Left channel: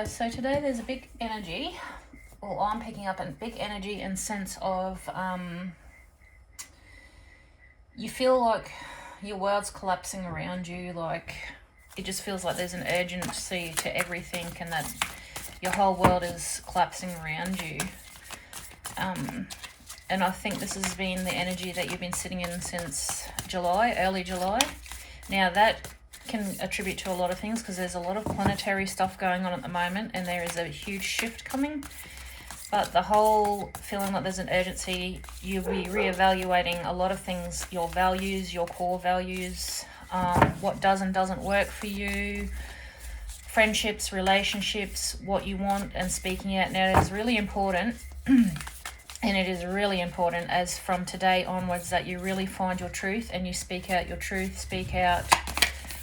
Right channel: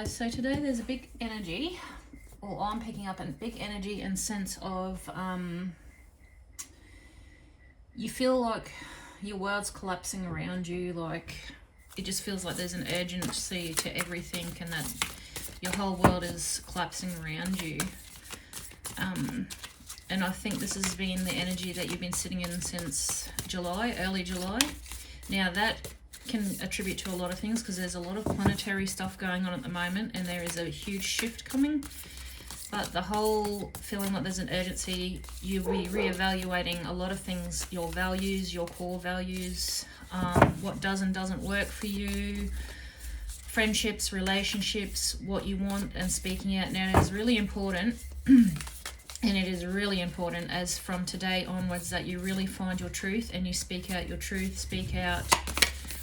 guys, so today there's a big energy, or I'm picking up a big energy and sense of you feel like your world's collapsing around you, like it just feels like there's an urgency to everything and that your whole world is collapsing around you. And I think this has been the energy that you've been sitting in since July, early July. Now that can attribute to a lot of things because there's a lot of planetary stuff going on at the moment and there is a huge shift coming. But the whole feeling like there's an urgency, you'll be reevaluating a lot of things, your values, your core values, what does and doesn't work for you, friendships, relationships, what you want, and speaking out. Now it is really important and it is really important as from today onwards that you really find your truth and you speak out your truth, speak out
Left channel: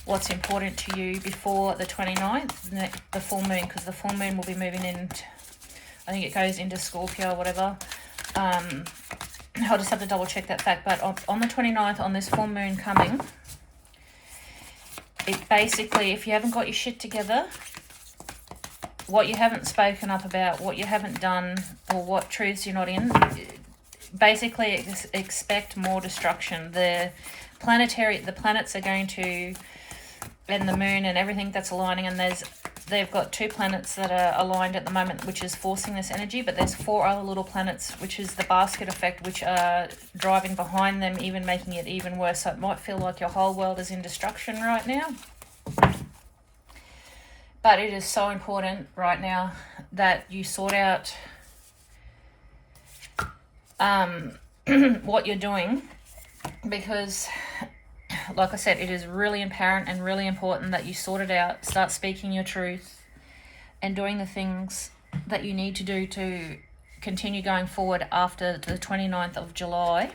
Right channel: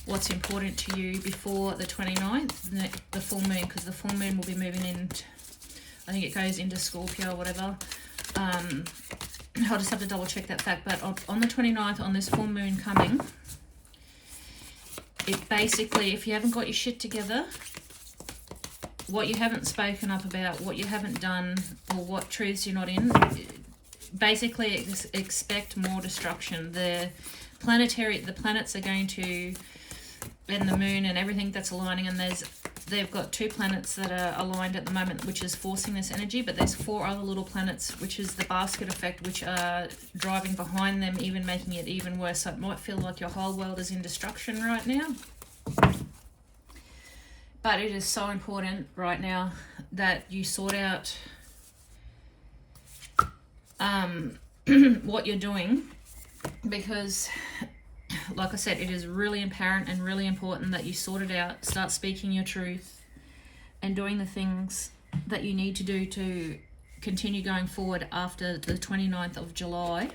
what's important to you before the 29th, the full moon, because the full moon will be moving in, I think it goes into Scorpio or whatever. I'll just have to double check that fact, but on the 29th, on this full moon coming, it basically, if you haven't got your shit together, what you haven't spoken up about, what you haven't done, or what truths you're not in, basically expect more destruction. The planets are going to, and the moon and everything that's aligning, and they've got 2 planets that are aligned at the moment, which is forcing this energy, but there's 4 other little planets, which is the basket effect, which are driving behind them, even making it even worse. So it might feel like your whole world is in destruction right now. But it is so important right now that you sort out what you're doing, because like I said, it is really apparent and really important that you sort it out, start speaking your truth and doing the things that you need to do to continue going forward after the 29th of July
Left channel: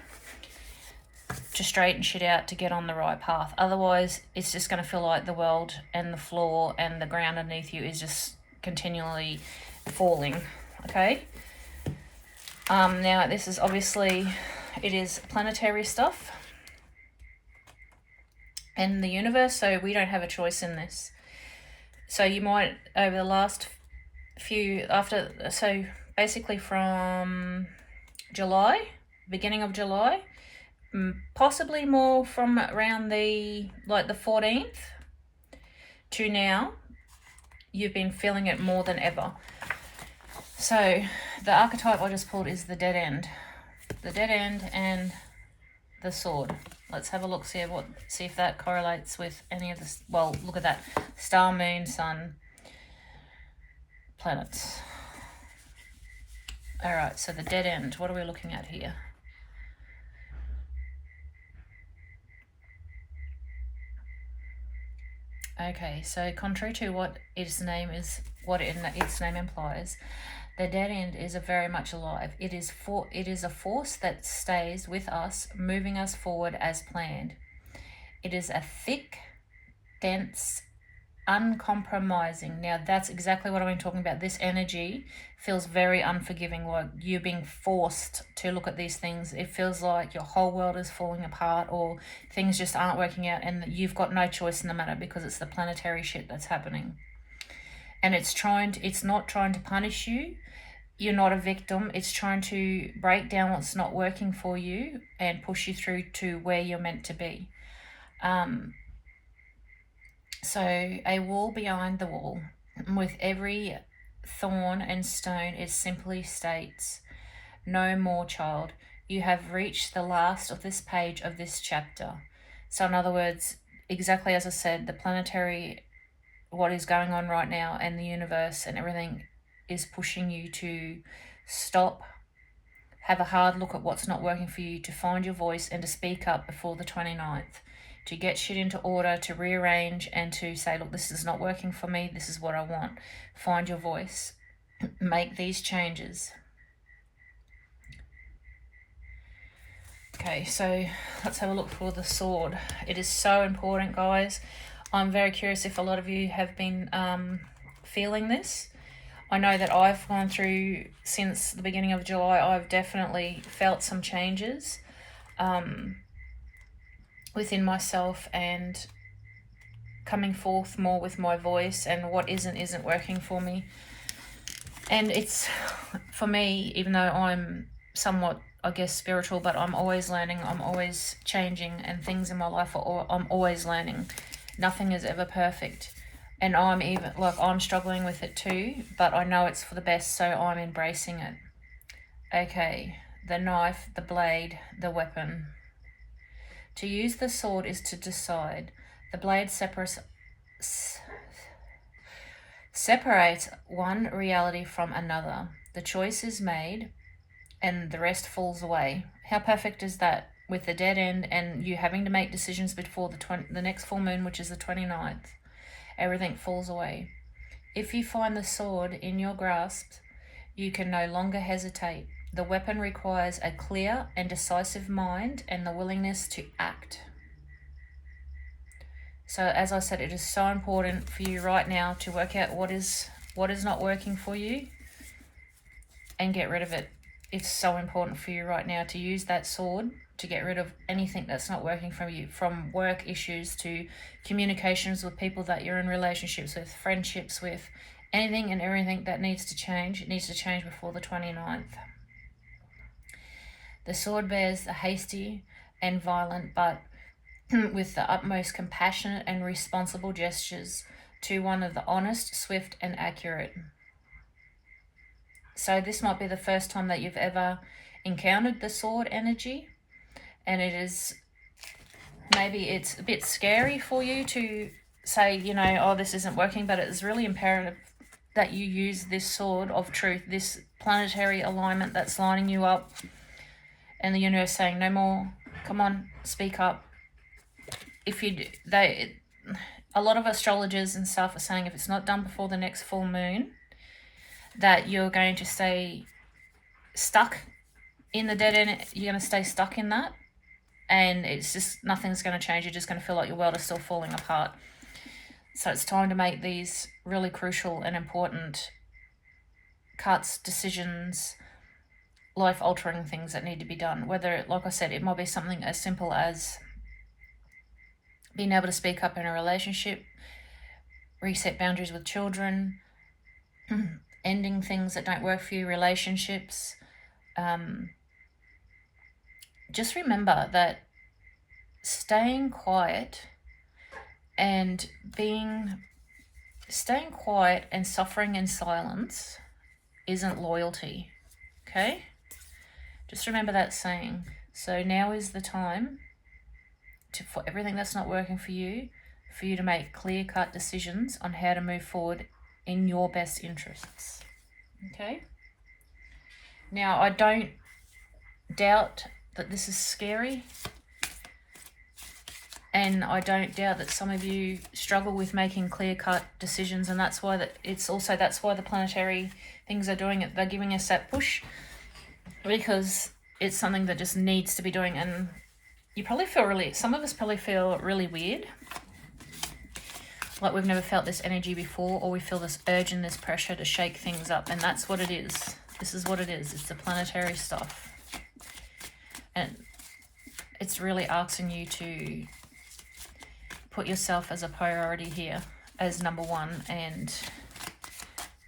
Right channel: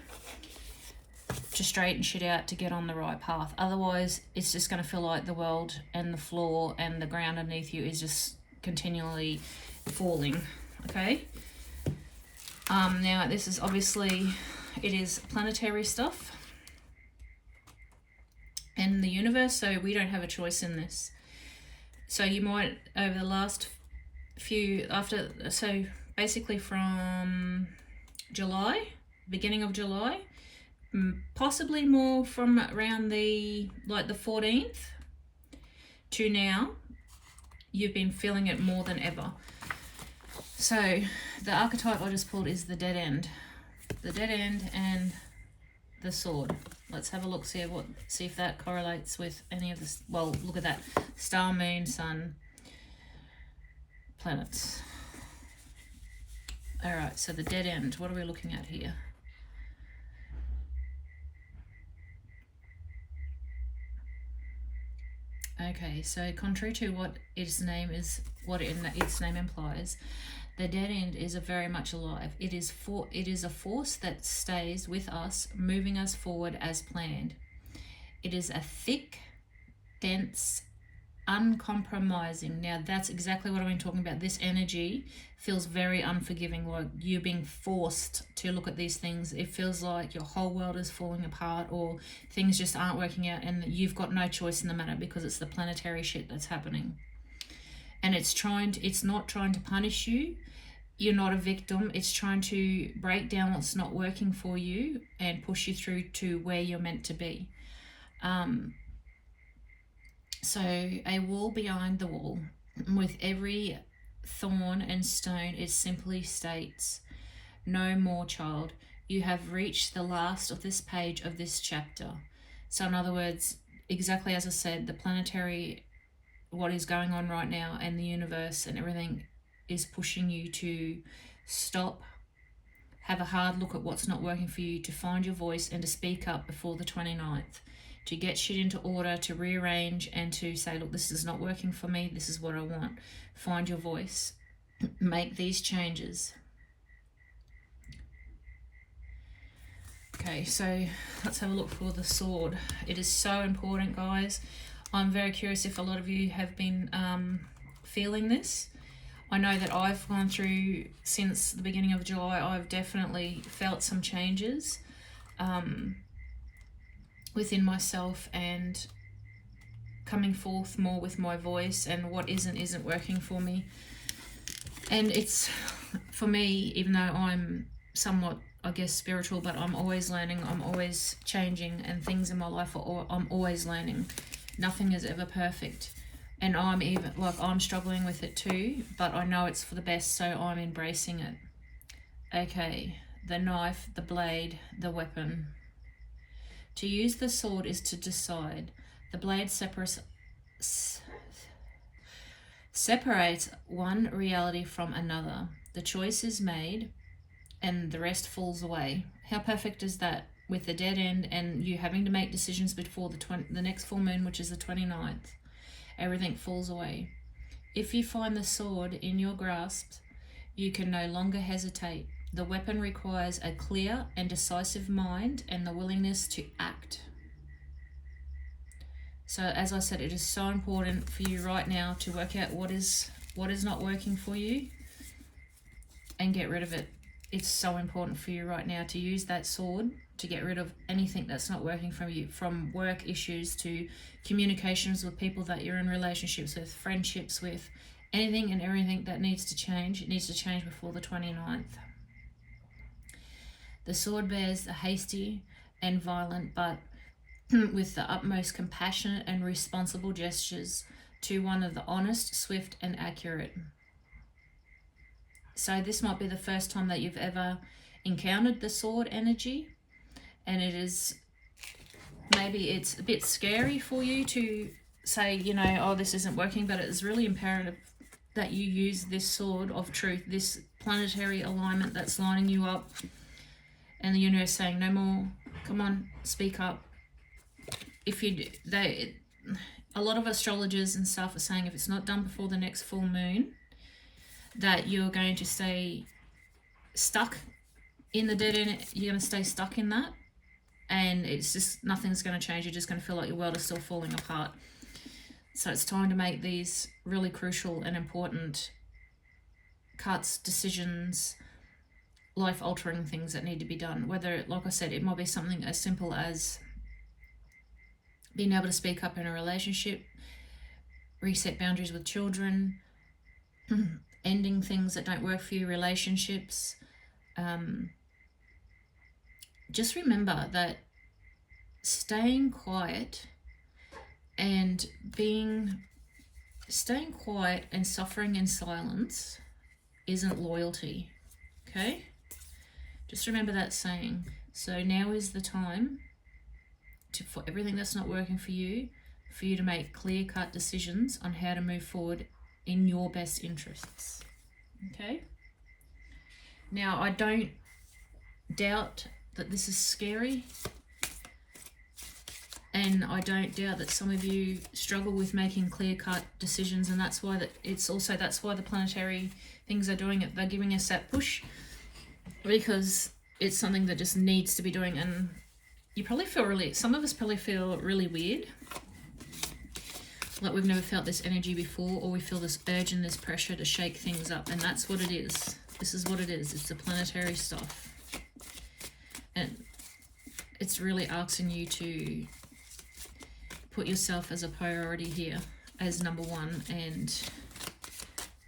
to straighten shit out, to get on the right path. Otherwise, it's just going to feel like the world and the floor and the ground underneath you is just continually falling, okay? Now, this is obviously, it is planetary stuff and the universe, so we don't have a choice in this. So you might, over the last few, so basically from July, beginning of July, possibly more from around the 14th to now, you've been feeling it more than ever. So the archetype I just pulled is the dead end. The dead end and the sword. Let's have a look, see if that correlates with any of this. Well, look at that. Star, moon, sun, planets. All right, so the dead end. What are we looking at here? Okay, so contrary to what its name implies, the dead end is very much alive. It is a force that stays with us, moving us forward as planned. It is a thick, dense, uncompromising. Now that's exactly what I've been talking about. This energy feels very unforgiving, like you're being forced to look at these things. It feels like your whole world is falling apart or things just aren't working out and you've got no choice in the matter because it's the planetary shit that's happening. And it's not trying to punish you. You're not a victim. It's trying to break down what's not working for you and push you through to where you're meant to be. So a wall behind the wall, with every thorn and stone, it simply states, no more, child. You have reached the last of this page of this chapter. So in other words, exactly as I said, the planetary, what is going on right now, and the universe and everything is pushing you to stop, have a hard look at what's not working for you, to find your voice and to speak up before the 29th, to get shit into order, to rearrange and to say, look, this is not working for me, this is what I want. Find your voice, make these changes. Okay, so let's have a look for the sword. It is so important, guys. I'm very curious if a lot of you have been feeling this. I know that I've gone through, since the beginning of July, I've definitely felt some changes within myself, and coming forth more with my voice, and what isn't working for me. And it's, for me, even though I'm somewhat, I guess, spiritual, but I'm always learning, I'm always changing, and things in my life I'm always learning. Nothing is ever perfect. And I'm even, like, I'm struggling with it too, but I know it's for the best, so I'm embracing it. Okay, the knife, the blade, the weapon. To use the sword is to decide. The blade separates one reality from another. The choice is made and the rest falls away. How perfect is that? With the dead end and you having to make decisions before the next full moon, which is the 29th. Everything falls away. If you find the sword in your grasp, you can no longer hesitate. The weapon requires a clear and decisive mind and the willingness to act. So as I said, it is so important for you right now to work out what is not working for you and get rid of it. It's so important for you right now to use that sword to get rid of anything that's not working for you, from work issues to communications with people that you're in relationships with, friendships with, anything and everything that needs to change. It needs to change before the 29th. The sword bears the hasty and violent, but with the utmost compassionate and responsible gestures to one of the honest, swift and accurate. So this might be the first time that you've ever encountered the sword energy, and it is, maybe it's a bit scary for you to say, you know, oh, this isn't working, but it is really imperative that you use this sword of truth, this planetary alignment that's lining you up, and the universe saying, no more, come on, speak up. A lot of astrologers and stuff are saying if it's not done before the next full moon, that you're going to stay stuck in the dead end. You're going to stay stuck in that, and it's just, nothing's going to change. You're just going to feel like your world is still falling apart. So it's time to make these really crucial and important cuts, decisions, life-altering things that need to be done. Whether, like I said, it might be something as simple as being able to speak up in a relationship, reset boundaries with children, ending things that don't work for you, relationships. Just remember that staying quiet and staying quiet and suffering in silence isn't loyalty. Okay? Just remember that saying. So now is the time for everything that's not working for you to make clear-cut decisions on how to move forward in your best interests. Okay? Now, I don't doubt that this is scary, and I don't doubt that some of you struggle with making clear-cut decisions, and that's why that's why the planetary things are doing it. They're giving us that push because it's something that just needs to be doing. And you probably feel some of us probably feel really weird, like we've never felt this energy before, or we feel this urge and this pressure to shake things up, and that's what it is. This is what it is. It's the planetary stuff, and it's really asking you to put yourself as a priority here, as number one, and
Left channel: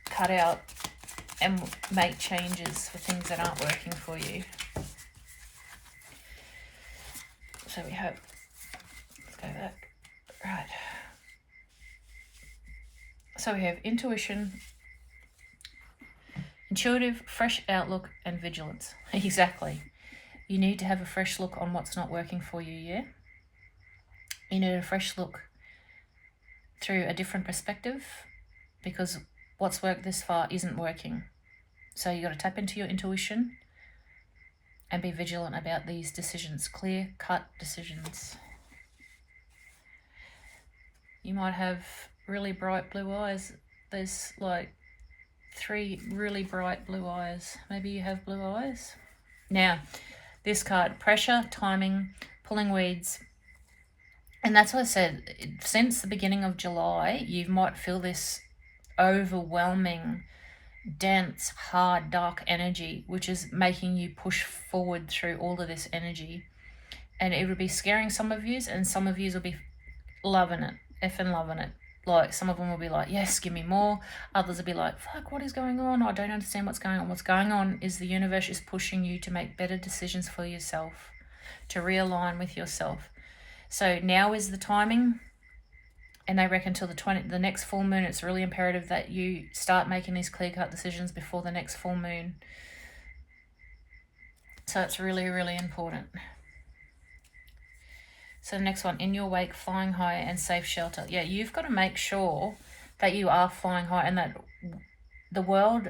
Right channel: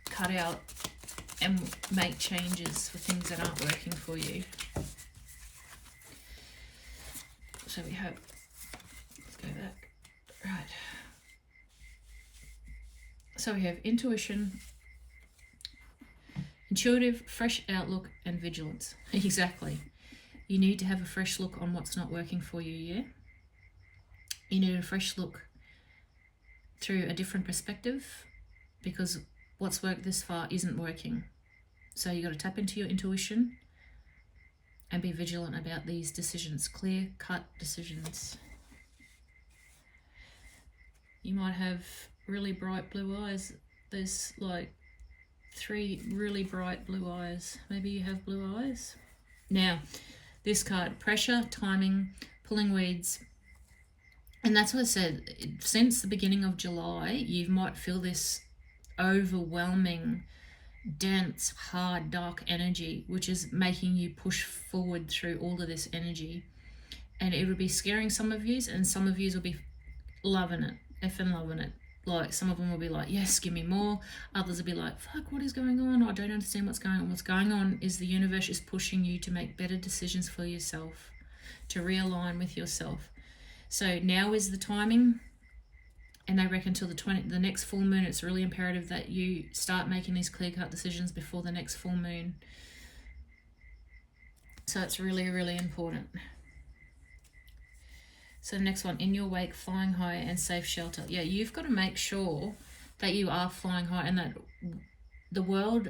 cut out and make changes for things that aren't working for you. So we hope, let's go back, right. So we have intuition, intuitive, fresh outlook, and vigilance. Exactly. You need to have a fresh look on what's not working for you, yeah? You need a fresh look through a different perspective, because what's worked this far isn't working. So you got to tap into your intuition and be vigilant about these decisions, clear-cut decisions. You might have really bright blue eyes. There's like 3 really bright blue eyes. Maybe you have blue eyes. Now, this card, pressure, timing, pulling weeds. And that's what I said, since the beginning of July, you might feel this overwhelming, dense, hard, dark energy, which is making you push forward through all of this energy. And it would be scaring some of yous, and some of yous will be loving it. effing loving it. Like, some of them will be like, yes, give me more. Others will be like, fuck, what is going on? I don't understand what's going on. What's going on is the universe is pushing you to make better decisions for yourself, to realign with yourself. So now is the timing. And they reckon till the next full moon, it's really imperative that you start making these clear-cut decisions before the next full moon. So it's really, really important. So the next one, in your wake, flying high and safe shelter. Yeah, you've got to make sure that you are flying high, and that the world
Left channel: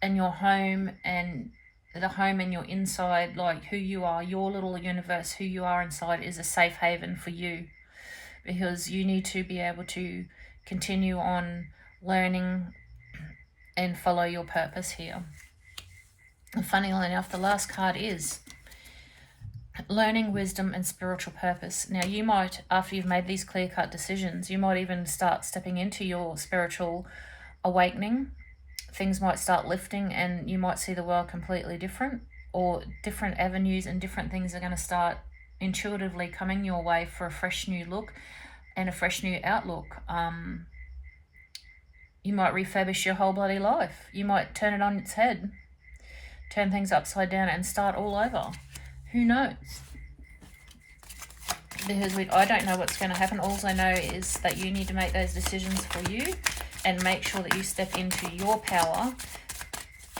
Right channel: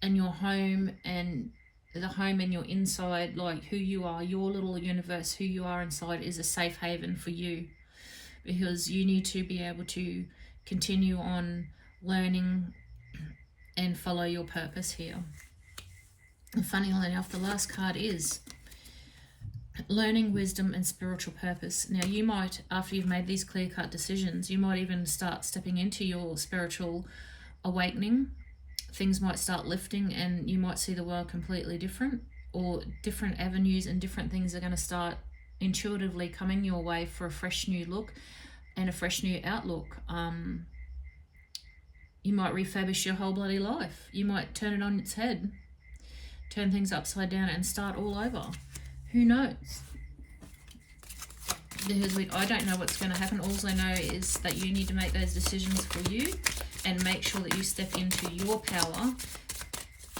and your home and the home and your inside, like who you are, your little universe, who you are inside, is a safe haven for you, because you need to be able to continue on learning and follow your purpose here. And funnily enough, the last card is learning, wisdom, and spiritual purpose. Now, you might, after you've made these clear-cut decisions, you might even start stepping into your spiritual awakening. Things might start lifting, and you might see the world completely different, or different avenues and different things are going to start intuitively coming your way for a fresh new look and a fresh new outlook. You might refurbish your whole bloody life. You might turn it on its head, turn things upside down and start all over. Who knows? Because I don't know what's going to happen. All I know is that you need to make those decisions for you, and make sure that you step into your power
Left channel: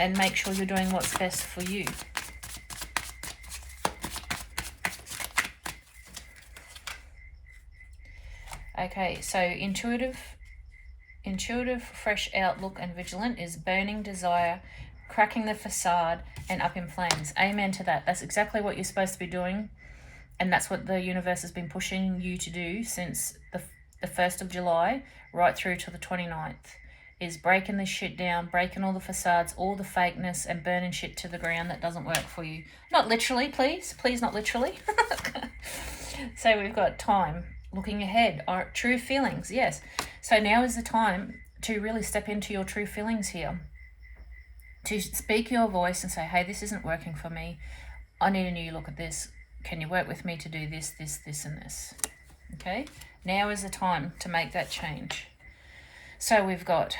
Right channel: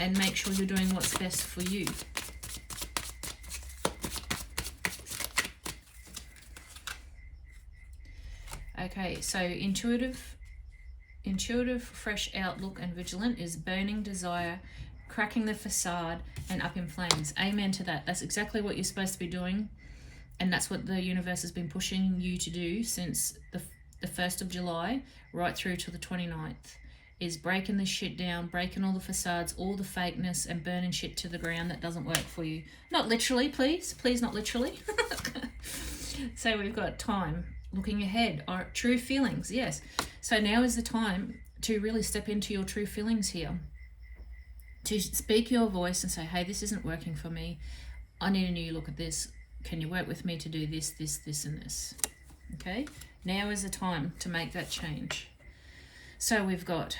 and make sure you're doing what's best for you. Okay, so intuitive, fresh outlook and vigilant is burning desire, cracking the facade, and up in flames. Amen to that. That's exactly what you're supposed to be doing, and that's what the universe has been pushing you to do since the 1st of July right through to the 29th, is breaking this shit down, breaking all the facades, all the fakeness, and burning shit to the ground that doesn't work for you. Not literally, please not literally. So we've got time, looking ahead, our true feelings, yes. So now is the time to really step into your true feelings here, to speak your voice and say, hey, this isn't working for me. I need a new look at this. Can you work with me to do this, this, this, and this? Okay, now is the time to make that change. So we've got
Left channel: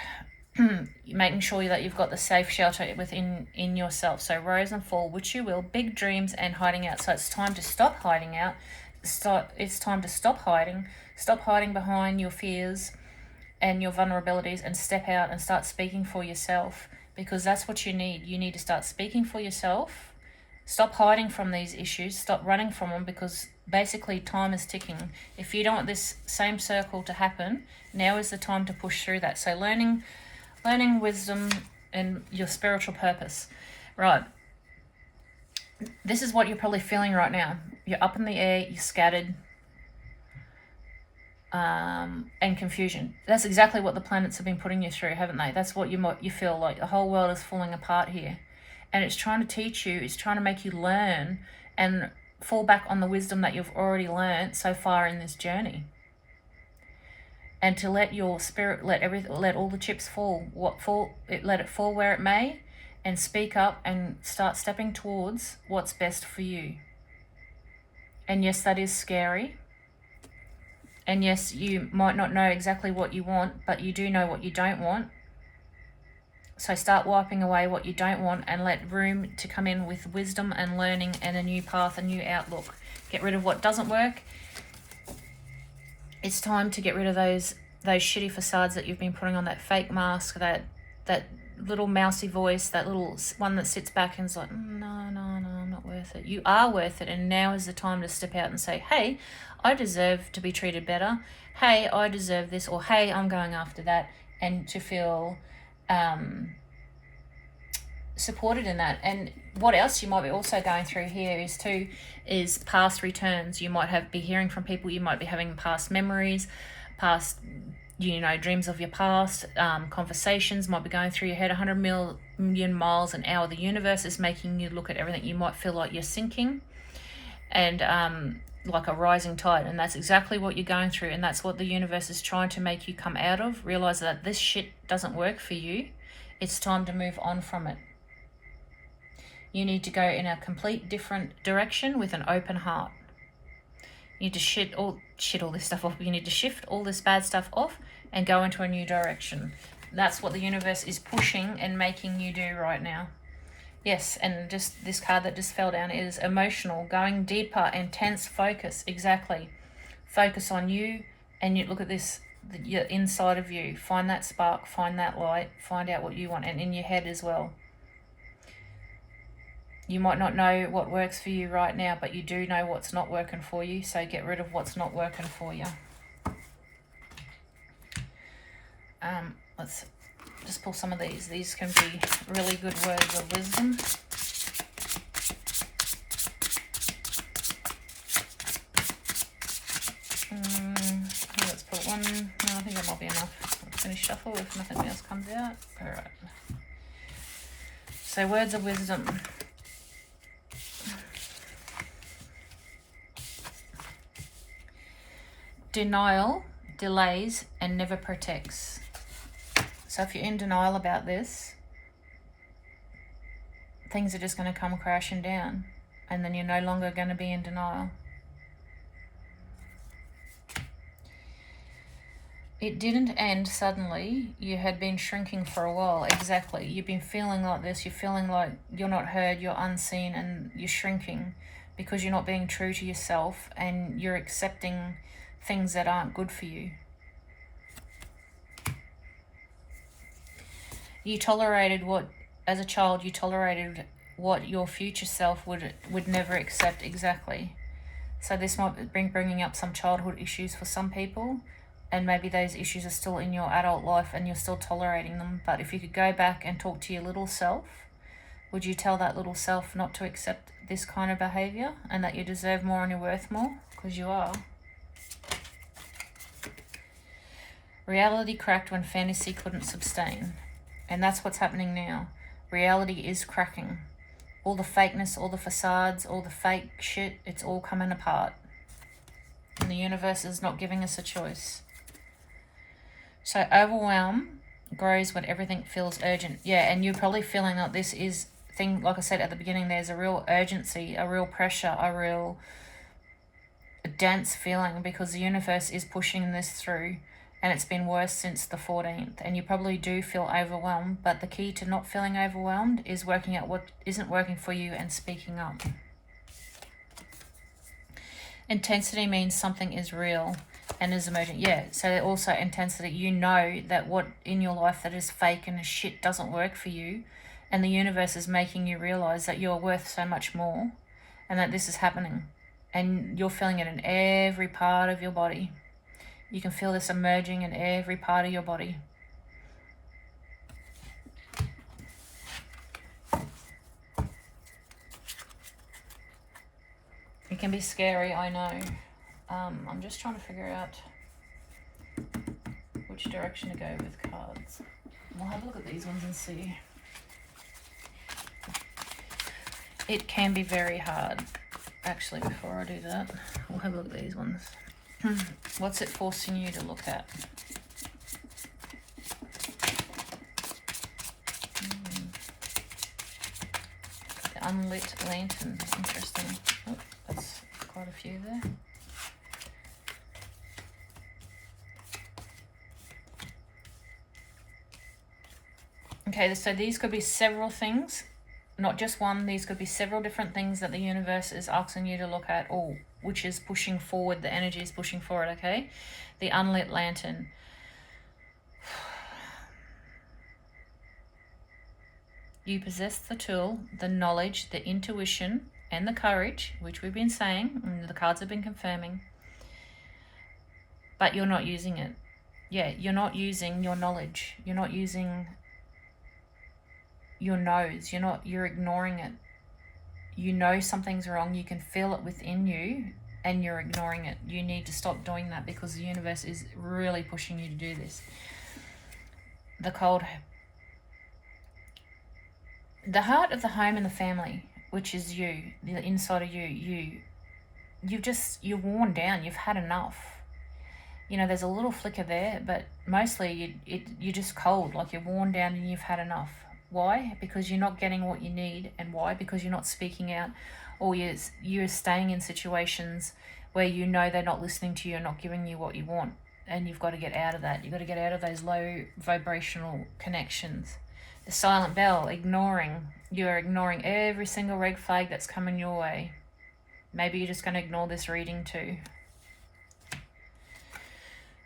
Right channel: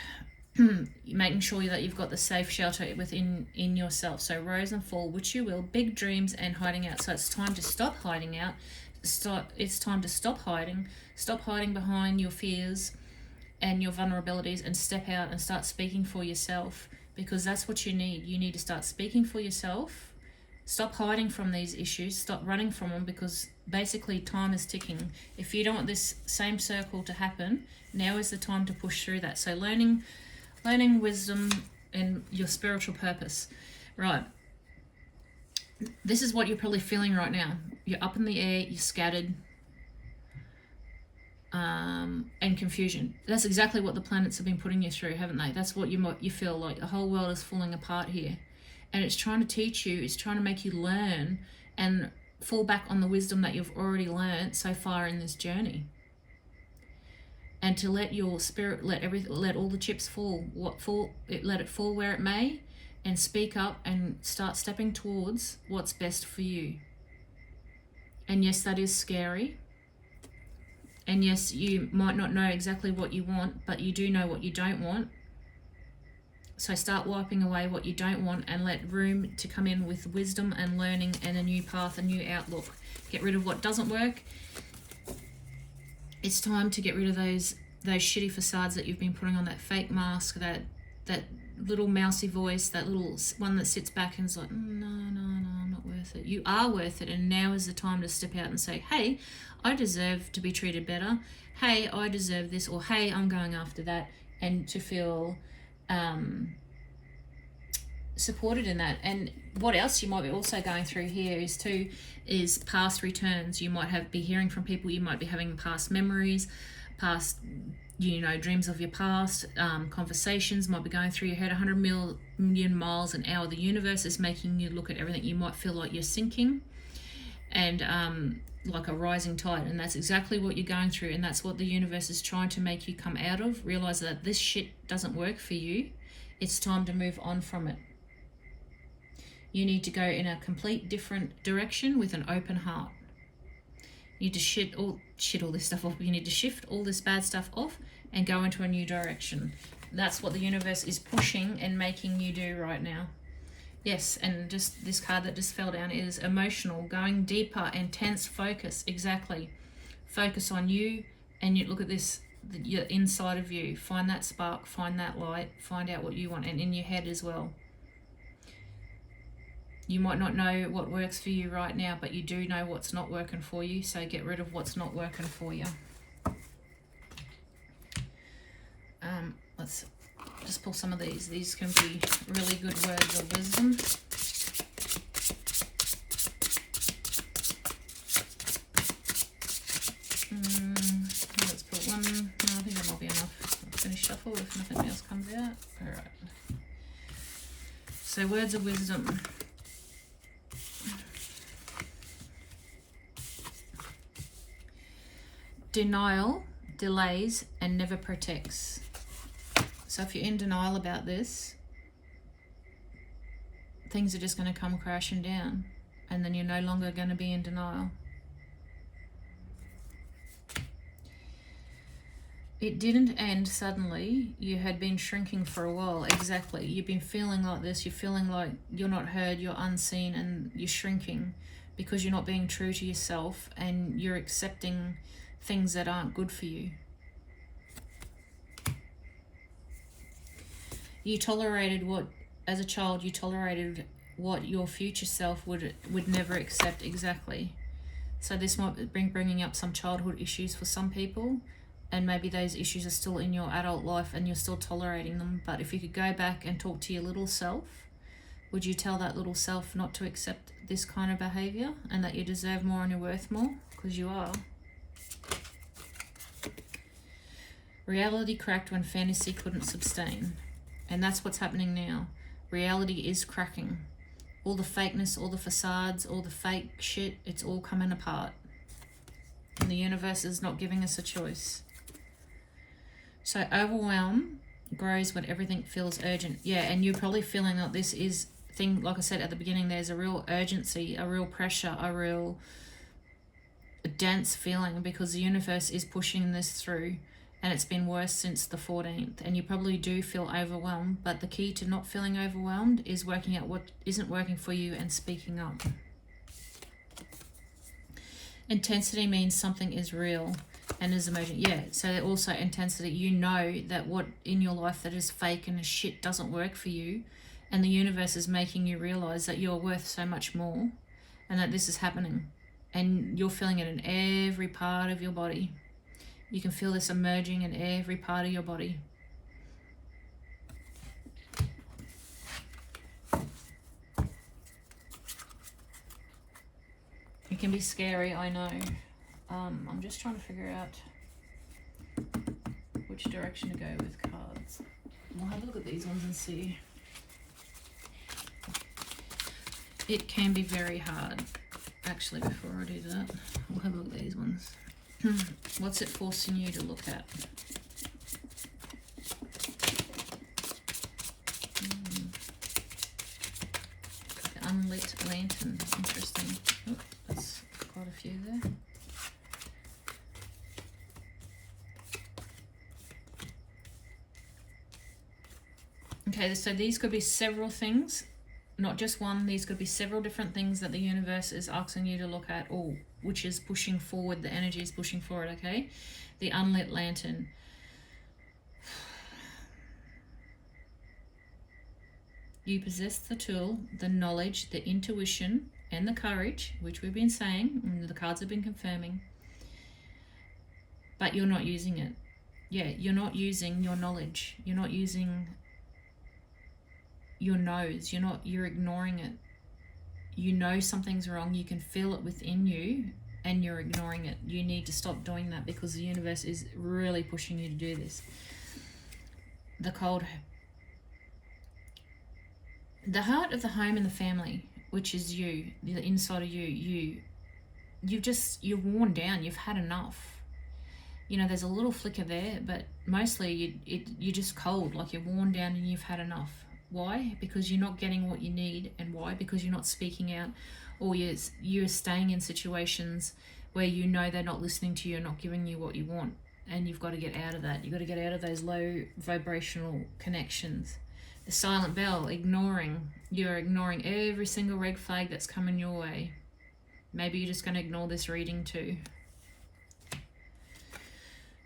making sure that you've got the safe shelter within yourself. So rise and fall, which you will, big dreams and hiding out. So it's time to stop hiding out. It's time to stop hiding behind your fears and your vulnerabilities, and step out and start speaking for yourself, because that's what you need. You need to start speaking for yourself. Stop hiding from these issues. Stop running from them, because basically time is ticking. If you don't want this same circle to happen, now is the time to push through that. So learning, wisdom, and your spiritual purpose. Right. This is what you're probably feeling right now. You're up in the air, you're scattered, and confusion. That's exactly what the planets have been putting you through, haven't they? That's what you feel like. The whole world is falling apart here. And it's trying to teach you, it's trying to make you learn and fall back on the wisdom that you've already learned so far in this journey. And to let your spirit, let all the chips fall. Let it fall where it may, and speak up and start stepping towards what's best for you. And yes, that is scary. And yes, you might not know exactly what you want, but you do know what you don't want. So start wiping away what you don't want, and let room to come in with wisdom and learning and a new path, a new outlook. Get rid of what doesn't work. It's time to get rid of those shitty facades that you've been putting on, that fake mask, that little mousy voice, that little one that sits back and is like, no, I'm not worth it. You are worth it, and now is the time to step out and say, hey, I deserve to be treated better. Hey, I deserve this, or hey, I'm going after that, and to feel supported in that. And what else you might be also going through here is past returns. You might be hearing from people, you might be having past memories, past dreams of your past, conversations might be going through your head 100 million miles an hour. The universe is making you look at everything. You might feel like you're sinking, and like a rising tide, and that's exactly what you're going through, and that's what the universe is trying to make you come out of. Realize that this shit doesn't work for you. It's time to move on from it. You need to go in a complete different direction with an open heart. You need to shit all this stuff off. You need to shift all this bad stuff off and go into a new direction. That's what the universe is pushing and making you do right now. Yes, and just this card that just fell down is emotional, going deeper, intense focus. Exactly. Focus on you, and you look at this, the inside of you. Find that spark, find that light, find out what you want, and in your head as well. You might not know what works for you right now, but you do know what's not working for you, so get rid of what's not working for you. Let's just pull some of these. These can be really good words of wisdom. Let's put one. No, I think that might be enough. Let's finish shuffle if nothing else comes out. All right. So words of wisdom. Denial delays and never protects. So if you're in denial about this, things are just going to come crashing down, and then you're no longer going to be in denial. It didn't end suddenly. You had been shrinking for a while. Exactly. You've been feeling like this. You're feeling like you're not heard, you're unseen, and you're shrinking because you're not being true to yourself, and you're accepting things that aren't good for you. You tolerated what, as a child, you tolerated what your future self would never accept. Exactly. So this might be bringing up some childhood issues for some people, and maybe those issues are still in your adult life and you're still tolerating them. But if you could go back and talk to your little self, would you tell that little self not to accept this kind of behavior and that you deserve more and you're worth more? Because you are. Reality cracked when fantasy couldn't sustain. And that's what's happening now. Reality is cracking. All the fakeness, all the facades, all the fake shit, it's all coming apart. And the universe is not giving us a choice. So overwhelm grows when everything feels urgent. Yeah, and you're probably feeling that this is thing, like I said at the beginning, there's a real urgency, a real pressure, a real dense feeling because the universe is pushing this through. And it's been worse since the 14th. And you probably do feel overwhelmed. But the key to not feeling overwhelmed is working out what isn't working for you and speaking up. Intensity means something is real and is emergent. Yeah, so also intensity. You know that what in your life that is fake and is shit doesn't work for you. And the universe is making you realize that you're worth so much more. And that this is happening. And you're feeling it in every part of your body. You can feel this emerging in every part of your body. It can be scary, I know. I'm just trying to figure out which direction to go with cards. We'll have a look at these ones and see. It can be very hard. Actually, before I do that, we'll have a look at these ones. What's it forcing you to look at? The unlit lantern. Interesting. Oh, that's quite a few there. Okay, so these could be several things. Not just one, these could be several different things that the universe is asking you to look at, or which is pushing forward, the energy is pushing forward, okay? The unlit lantern. You possess the tool, the knowledge, the intuition, and the courage, which we've been saying, and the cards have been confirming, but you're not using it. Yeah, you're not using your knowledge. You're not using your nose. You're ignoring it. You know something's wrong. You can feel it within you and you're ignoring it. You need to stop doing that because the universe is really pushing you to do this. The cold. The heart of the home and the family, which is you, the inside of you, you're worn down. You've had enough. You know, there's a little flicker there, but mostly you're just cold, like you're worn down and you've had enough. Why? Because you're not getting what you need. And why? Because you're not speaking out, or you're staying in situations where you know they're not listening to you and not giving you what you want. And you've got to get out of that. You've got to get out of those low vibrational connections. The silent bell, ignoring. You're ignoring every single red flag that's coming your way. Maybe you're just going to ignore this reading too,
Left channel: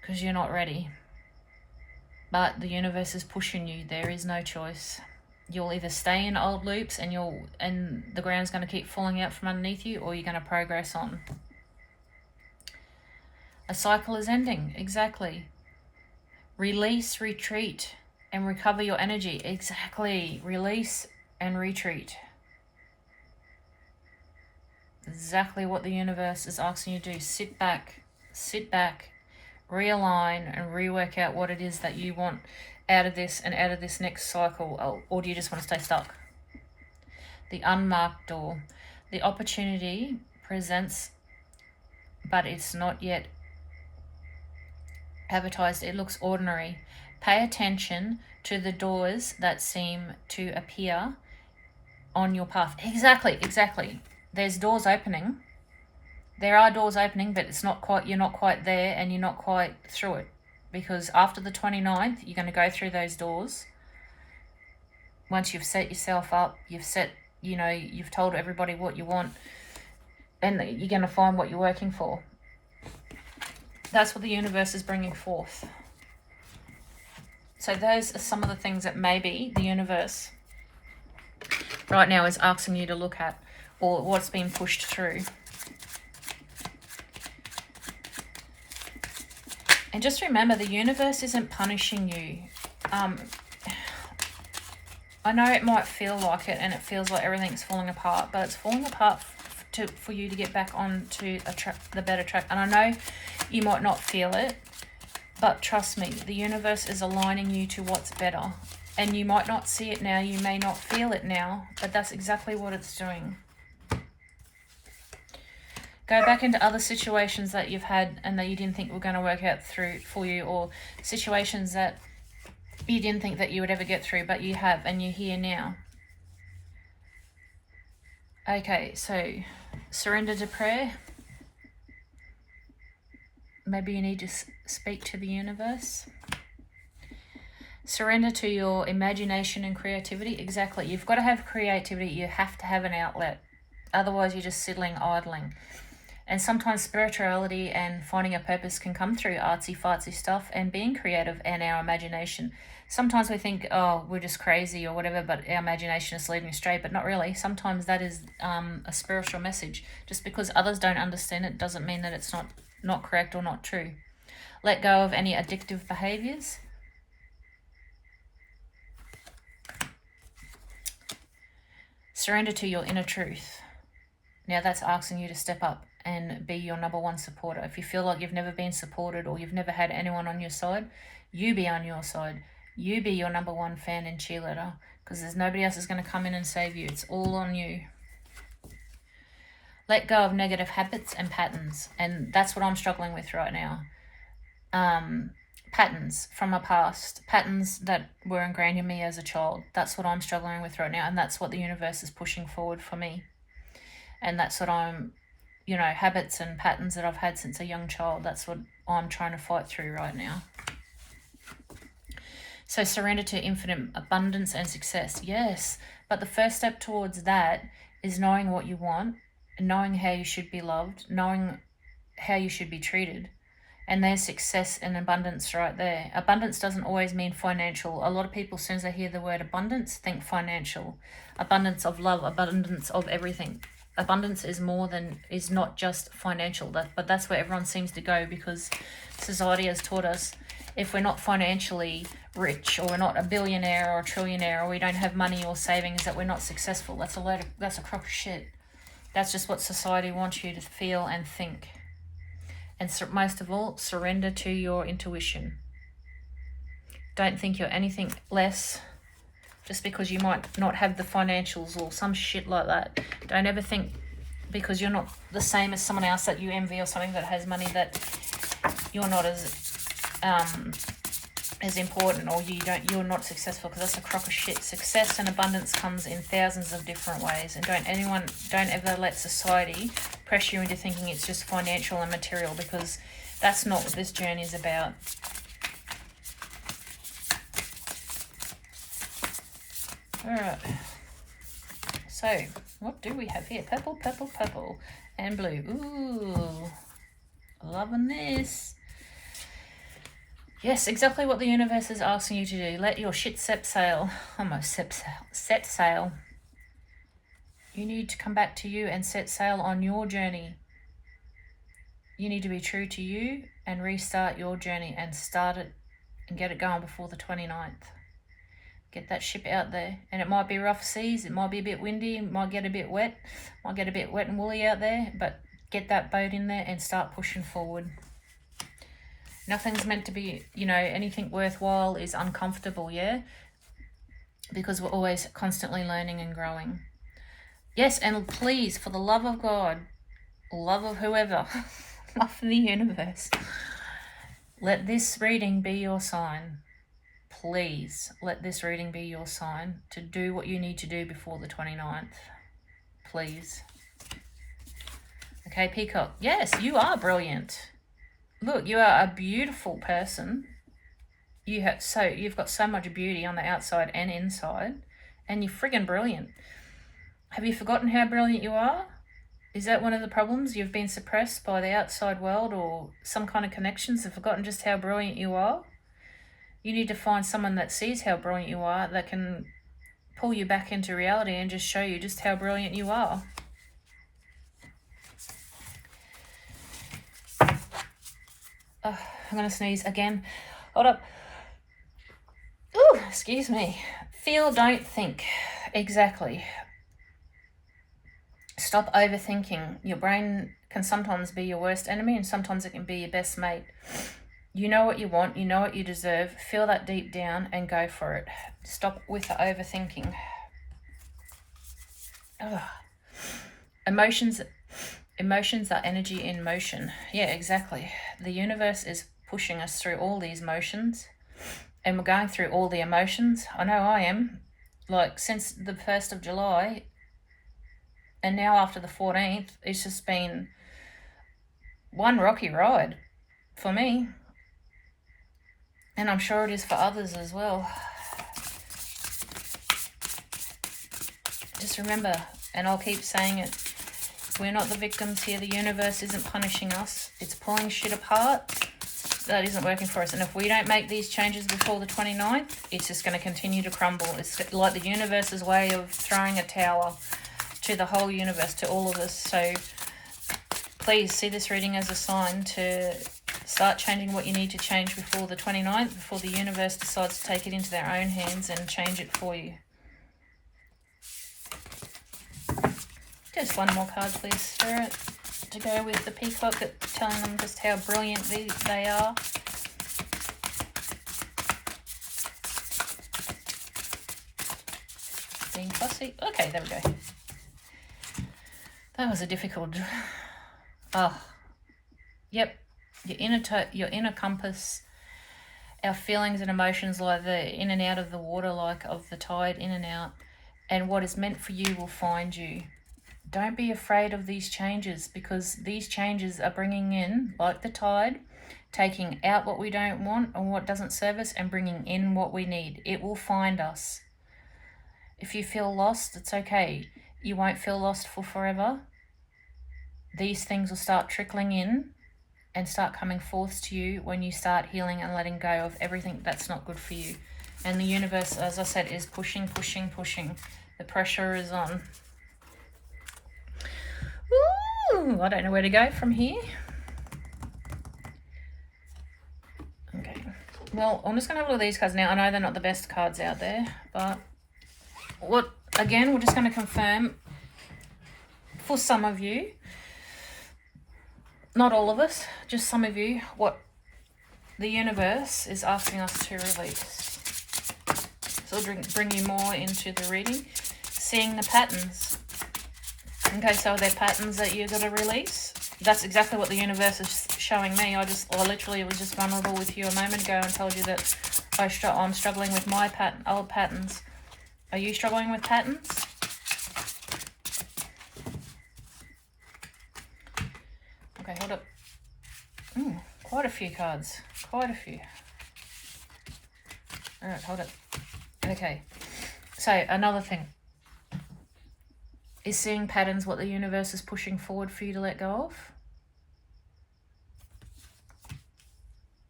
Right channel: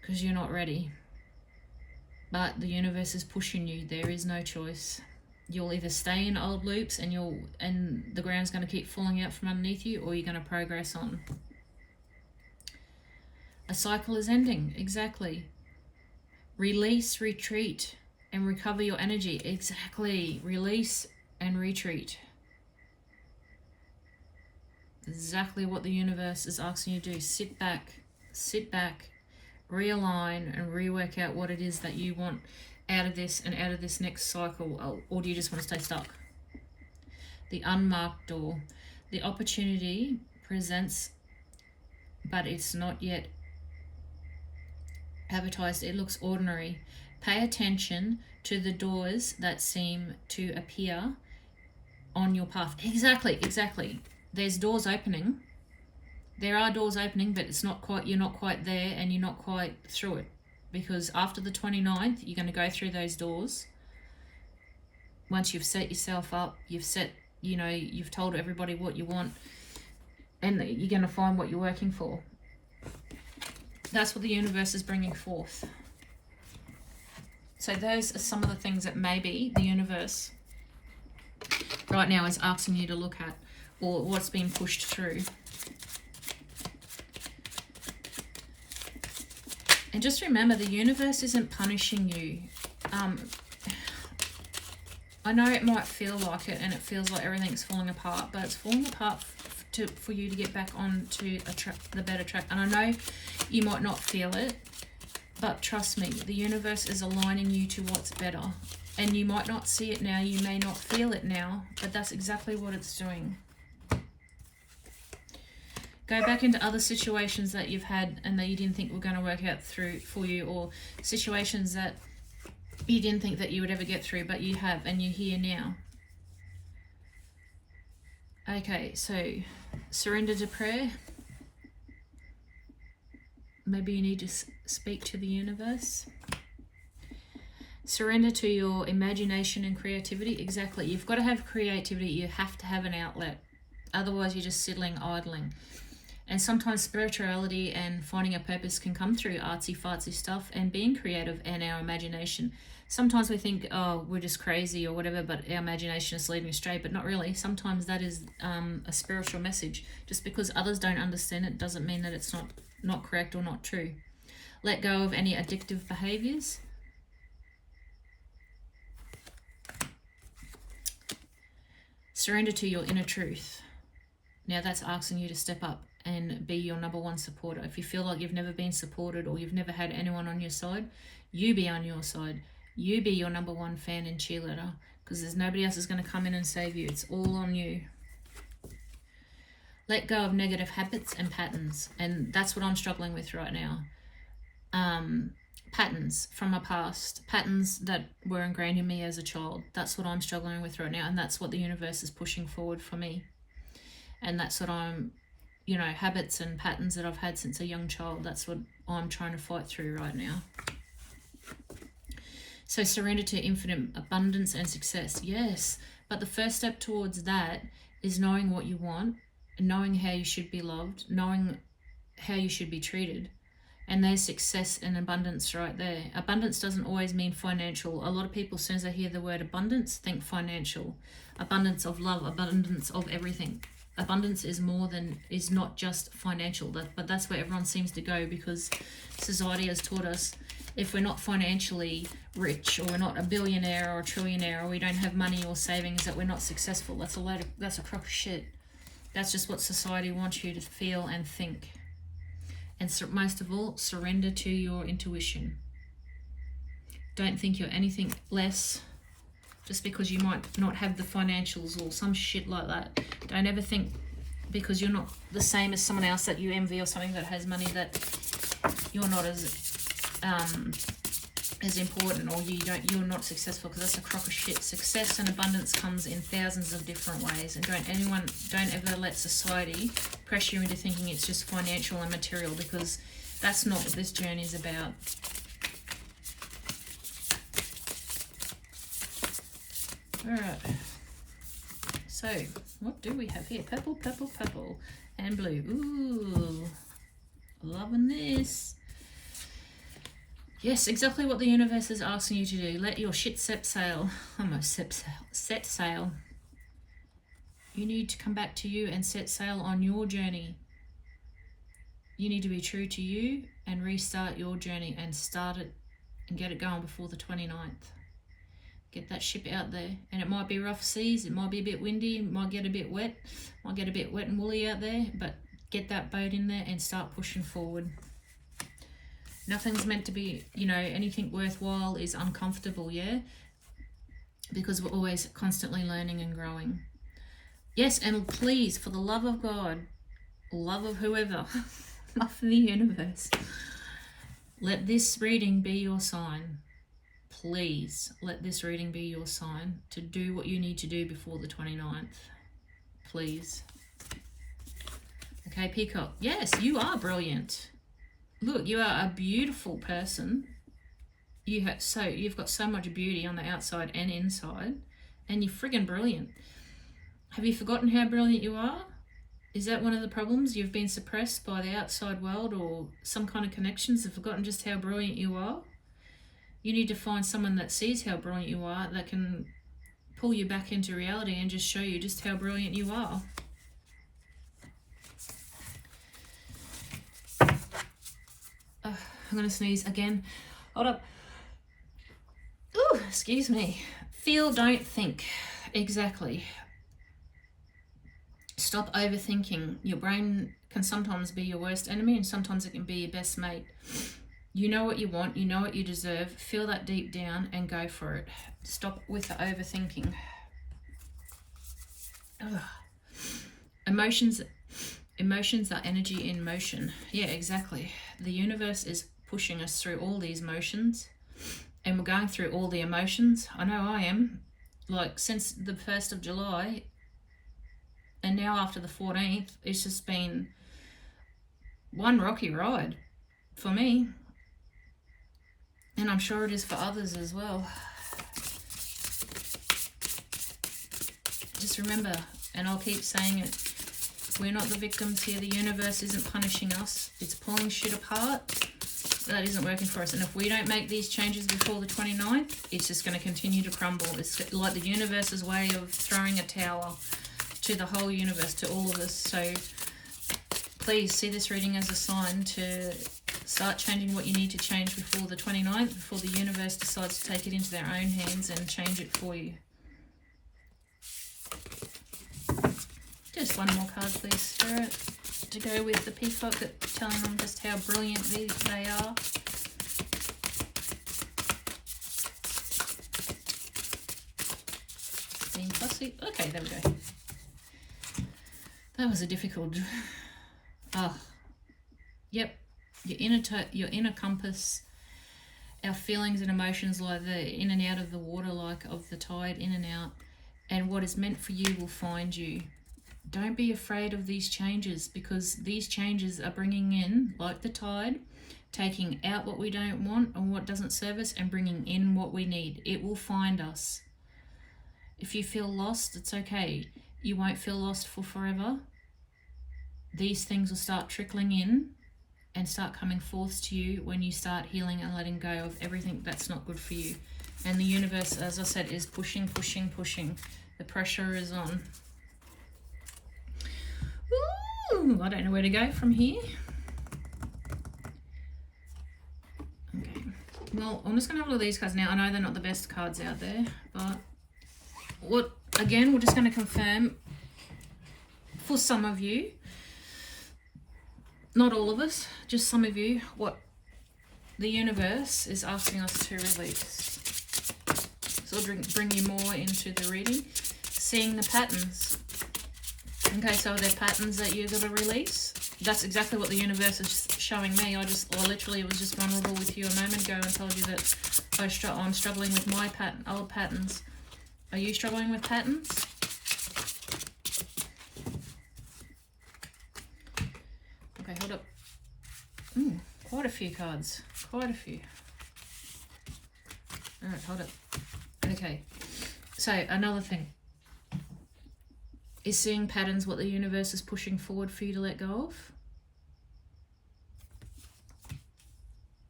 because you're not ready. But the universe is pushing you. There is no choice. You'll either stay in old loops and the ground's going to keep falling out from underneath you, or you're going to progress on. A cycle is ending. Exactly. Release, retreat, and recover your energy. Exactly. Release and retreat. Exactly what the universe is asking you to do. Sit back, realign, and rework out what it is that you want out of this and out of this next cycle. Or do you just want to stay stuck? The unmarked door. The opportunity presents, but it's not yet advertised. It looks ordinary. Pay attention to the doors that seem to appear on your path. Exactly. There's doors opening. There are doors opening, but you're not quite there, and you're not quite through it. Because after the 29th, you're going to go through those doors. Once you've set yourself up, you've told everybody what you want, and you're going to find what you're working for. That's what the universe is bringing forth. So those are some of the things that maybe the universe right now is asking you to look at, or what's being pushed through. And just remember, the universe isn't punishing you. I know it might feel like it, and it feels like everything's falling apart, but it's falling apart for you to get back onto the better track. And I know you might not feel it, but trust me, the universe is aligning you to what's better. And you might not see it now, you may not feel it now, but that's exactly what it's doing. Go back into other situations that you've had and that you didn't think were going to work out through for you, or situations that you didn't think that you would ever get through, but you have, and you're here now. Okay, so surrender to prayer. Maybe you need to speak to the universe. Surrender to your imagination and creativity. Exactly. You've got to have creativity. You have to have an outlet. Otherwise, you're just sidling, idling. And sometimes spirituality and finding a purpose can come through artsy-fartsy stuff and being creative and our imagination. Sometimes we think, oh, we're just crazy or whatever, but our imagination is leading astray, but not really. Sometimes that is a spiritual message. Just because others don't understand it doesn't mean that it's not correct or not true. Let go of any addictive behaviors. Surrender to your inner truth. Now that's asking you to step up and be your number one supporter. If you feel like you've never been supported or you've never had anyone on your side, you be on your side. You be your number one fan and cheerleader, because there's nobody else is going to come in and save you. It's all on you. Let go of negative habits and patterns. And that's what I'm struggling with right now. Patterns from my past. Patterns that were ingrained in me as a child. That's what I'm struggling with right now. And that's what the universe is pushing forward for me. And that's what habits and patterns that I've had since a young child. That's what I'm trying to fight through right now. So surrender to infinite abundance and success. Yes, but the first step towards that is knowing what you want, knowing how you should be loved, knowing how you should be treated. And there's success and abundance right there. Abundance doesn't always mean financial. A lot of people, as soon as they hear the word abundance, think financial. Abundance of love, abundance of everything. Abundance is not just financial, but that's where everyone seems to go, because society has taught us if we're not financially rich, or we're not a billionaire or a trillionaire, or we don't have money or savings, that we're not successful. That's a crock of shit. That's just what society wants you to feel and think. And most of all, surrender to your intuition. Don't think you're anything less just because you might not have the financials or some shit like that. Don't ever think because you're not the same as someone else that you envy, or something that has money, that you're not as important, or you're not successful, because that's a crock of shit. Success and abundance comes in thousands of different ways, and don't ever let society pressure you into thinking it's just financial and material, because that's not what this journey is about. All right, so what do we have here? Purple, purple, purple, and blue. Ooh, loving this. Yes, exactly what the universe is asking you to do. Let your shit set sail. Almost set sail. You need to come back to you and set sail on your journey. You need to be true to you and restart your journey and start it and get it going before the 29th. Get that ship out there. And it might be rough seas, it might be a bit windy, it might get a bit wet, might get a bit wet and woolly out there, but get that boat in there and start pushing forward. Nothing's meant to be, anything worthwhile is uncomfortable, yeah? Because we're always constantly learning and growing. Yes, and please, for the love of God, love of whoever, love of the universe, let this reading be your sign. Please let this reading be your sign to do what you need to do before the 29th. Please. Okay, Peacock. Yes, you are brilliant. Look, you are a beautiful person. You've got so much beauty on the outside and inside, and you're friggin' brilliant. Have you forgotten how brilliant you are? Is that one of the problems? You've been suppressed by the outside world or some kind of connections and forgotten just how brilliant you are? You need to find someone that sees how brilliant you are, that can pull you back into reality and just show you just how brilliant you are. Oh, I'm going to sneeze again. Hold up. Ooh, excuse me. Feel, don't think. Exactly. Stop overthinking. Your brain can sometimes be your worst enemy, and sometimes it can be your best mate. You know what you want, you know what you deserve. Feel that deep down and go for it. Stop with the overthinking. Ugh. Emotions are energy in motion. Yeah, exactly. The universe is pushing us through all these motions, and we're going through all the emotions. I know I am. Like, since the 1st of July, and now after the 14th, it's just been one rocky ride for me. And I'm sure it is for others as well. Just remember, and I'll keep saying it, we're not the victims here. The universe isn't punishing us. It's pulling shit apart. That isn't working for us. And if we don't make these changes before the 29th, it's just going to continue to crumble. It's like the universe's way of throwing a tower to the whole universe, to all of us. So please see this reading as a sign to start changing what you need to change before the 29th, before the universe decides to take it into their own hands and change it for you. Just one more card, please, Spirit, to go with the peacock, telling them just how brilliant they are. Being fussy. Okay, there we go. That was a difficult... Oh, yep. Your inner compass, our feelings and emotions, like the in and out of the water, like of the tide, in and out. And what is meant for you will find you. Don't be afraid of these changes, because these changes are bringing in, like the tide, taking out what we don't want or what doesn't serve us and bringing in what we need. It will find us. If you feel lost, it's okay. You won't feel lost for forever. These things will start trickling in and start coming forth to you when you start healing and letting go of everything that's not good for you. And the universe, as I said, is pushing, pushing, pushing. The pressure is on. Ooh, I don't know where to go from here. Okay. Well, I'm just going to have a look at these cards now. I know they're not the best cards out there, but again, we're just going to confirm for some of you, not all of us, just some of you, what the universe is asking us to release. So I'll bring you more into the reading. Seeing the patterns. Okay, so are there patterns that you've got to release? That's exactly what the universe is showing me. I literally was just vulnerable with you a moment ago and told you that I'm struggling with my old patterns. Are you struggling with patterns? Okay, hold up. Quite a few cards. Quite a few. Alright, hold up. Okay. So, another thing. Is seeing patterns what the universe is pushing forward for you to let go of?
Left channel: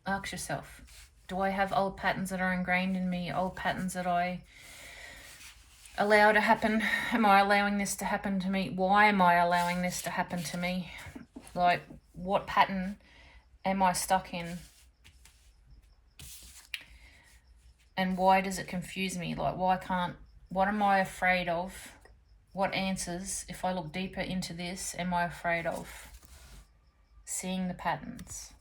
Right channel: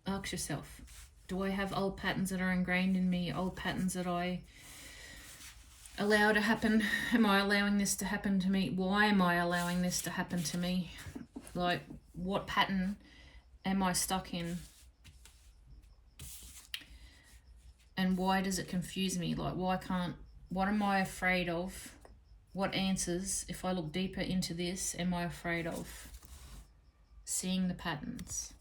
Ask yourself, do I have old patterns that are ingrained in me, old patterns that I allow to happen? Am I allowing this to happen to me? Why am I allowing this to happen to me? Like, what pattern am I stuck in? And why does it confuse me? Like, what am I afraid of? What answers, if I look deeper into this, am I afraid of? Seeing the patterns.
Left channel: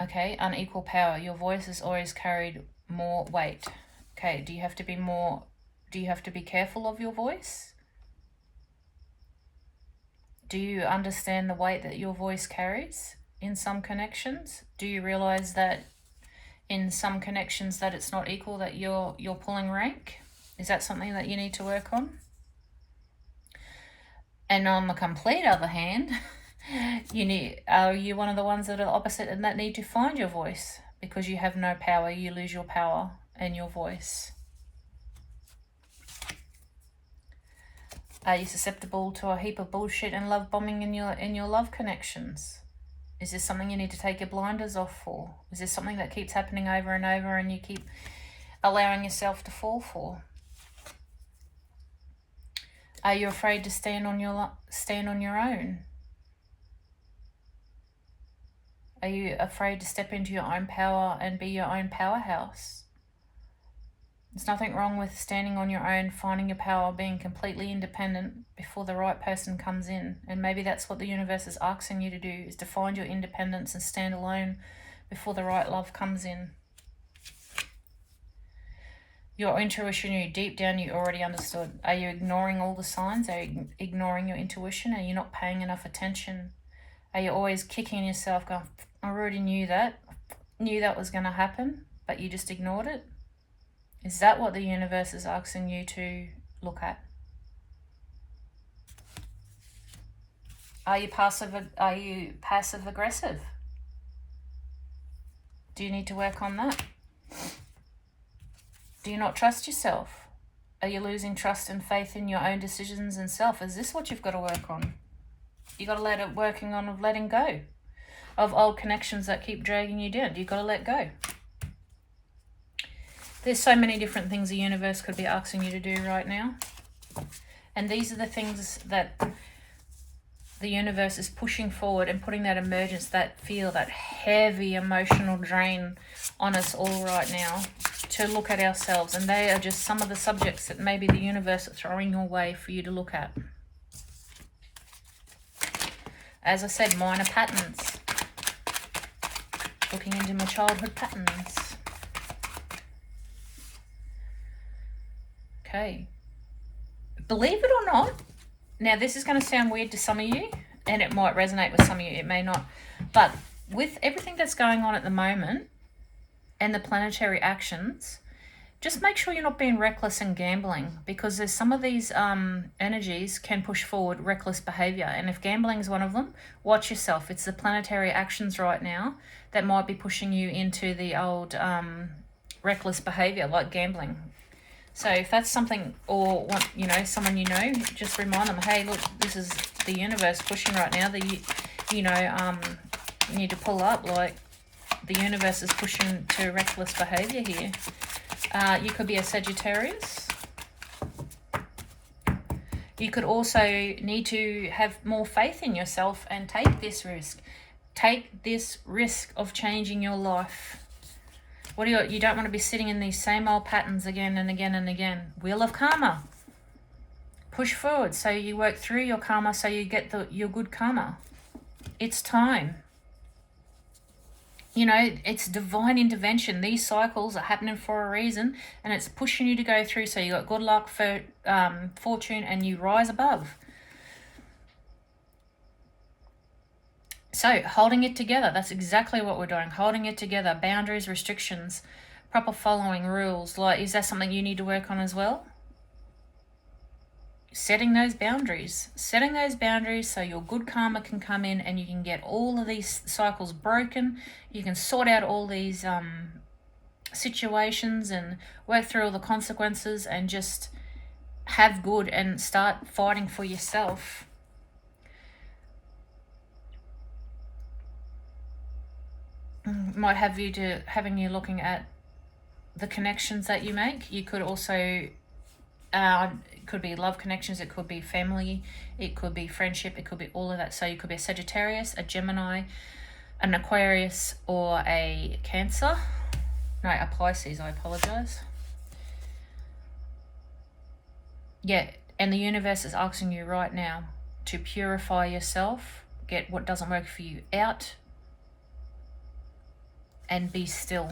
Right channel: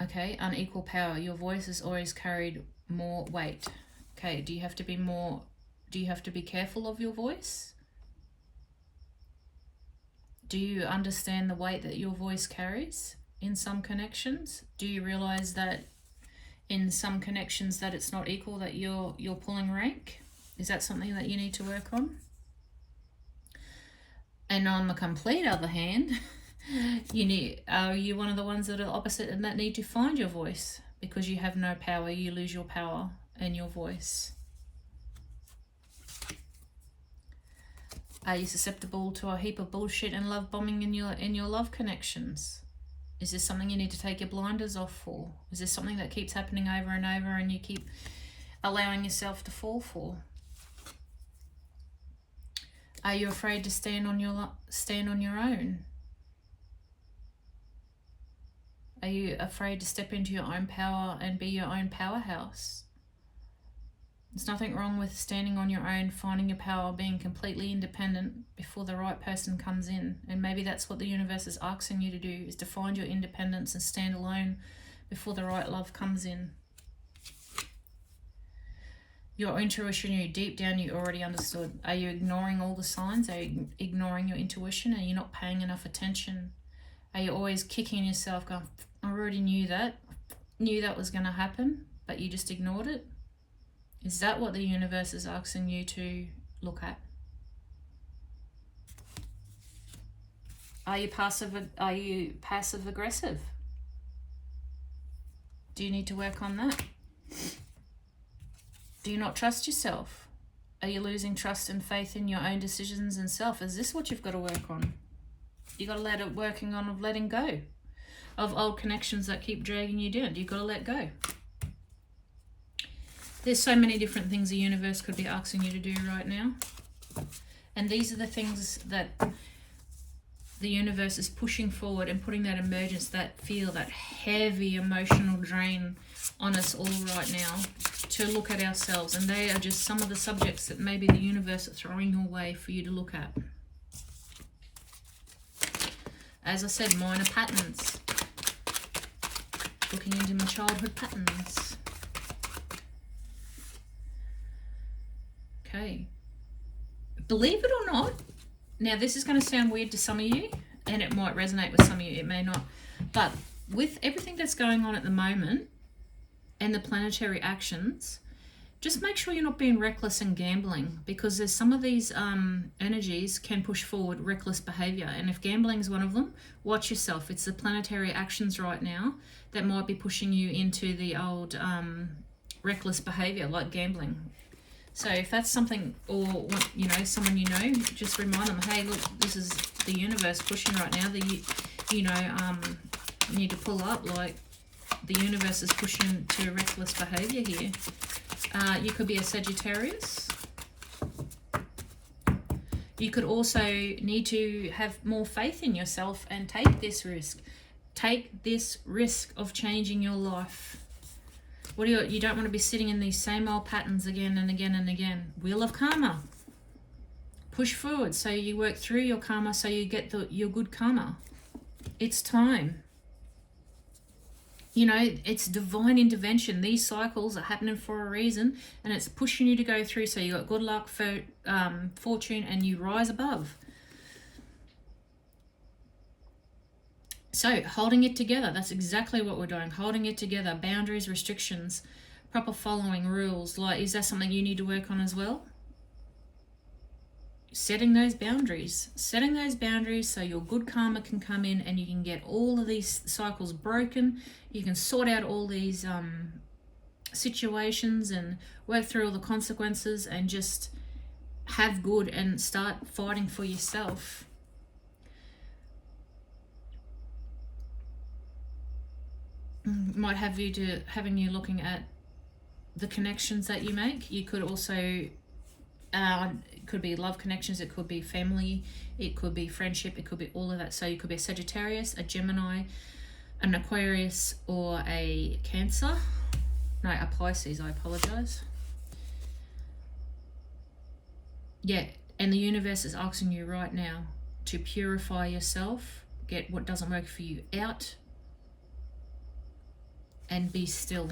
Okay, unequal power. Your voice has always carried more weight. Okay, do you have to be careful of your voice? Do you understand the weight that your voice carries in some connections? Do you realize that in some connections that it's not equal, that you're pulling rank? Is that something that you need to work on? And on the complete other hand, are you one of the ones that are opposite and that need to find your voice? Because you have no power, you lose your power and your voice. Are you susceptible to a heap of bullshit and love bombing in your love connections? Is this something you need to take your blinders off for? Is this something that keeps happening over and over and you keep allowing yourself to fall for? Are you afraid to stand on your own? Are you afraid to step into your own power and be your own powerhouse? There's nothing wrong with standing on your own, finding your power, being completely independent before the right person comes in. And maybe that's what the universe is asking you to do, is to find your independence and stand alone before the right love comes in. Your intuition, you deep down, you already understood. Are you ignoring all the signs? Are you ignoring your intuition? Are you not paying enough attention? Are you always kicking yourself going, I already knew that was going to happen, but you just ignored it? Is that what the universe is asking you to look at? Are you passive aggressive? Do you need to work on that? Do you not trust yourself? Are you losing trust and faith in your own decisions and self? Is this what you've got to work on? You got to working on of letting go of old connections that keep dragging you down. You've got to let go. There's so many different things the universe could be asking you to do right now. And these are the things that the universe is pushing forward and putting that emergence, that heavy emotional drain on us all right now to look at ourselves. And they are just some of the subjects that maybe the universe is throwing your way for you to look at. As I said, minor patterns. Looking into my childhood patterns. Okay. Believe it or not, now this is going to sound weird to some of you, and it might resonate with some of you, it may not. But with everything that's going on at the moment, and the planetary actions, just make sure you're not being reckless and gambling, because there's some of these energies can push forward reckless behavior. And if gambling is one of them, watch yourself. It's the planetary actions right now that might be pushing you into the old reckless behavior, like gambling. So if that's something, or someone just remind them, hey, look, this is the universe pushing right now. You need to pull up. Like, the universe is pushing to reckless behavior here. You could be a Sagittarius. You could also need to have more faith in yourself and take this risk. Take this risk of changing your life. You don't want to be sitting in these same old patterns again and again and again. Wheel of karma. Push forward so you work through your karma, so you get your good karma. It's time. It's divine intervention. These cycles are happening for a reason, and it's pushing you to go through, so you got good luck, for fortune, and you rise above. So holding it together, that's exactly what we're doing. Holding it together, boundaries, restrictions, proper following, rules. Like, is that something you need to work on as well? Setting those boundaries so your good karma can come in and you can get all of these cycles broken. You can sort out all these situations and work through all the consequences and just have good and start fighting for yourself. Might have you having you looking at the connections that you make. You could also it could be love connections, it could be family, it could be friendship, it could be all of that. So you could be a Sagittarius, a Gemini, an Aquarius, or a Cancer. No, a Pisces, I apologize. Yeah, and the universe is asking you right now to purify yourself, get what doesn't work for you out, and be still.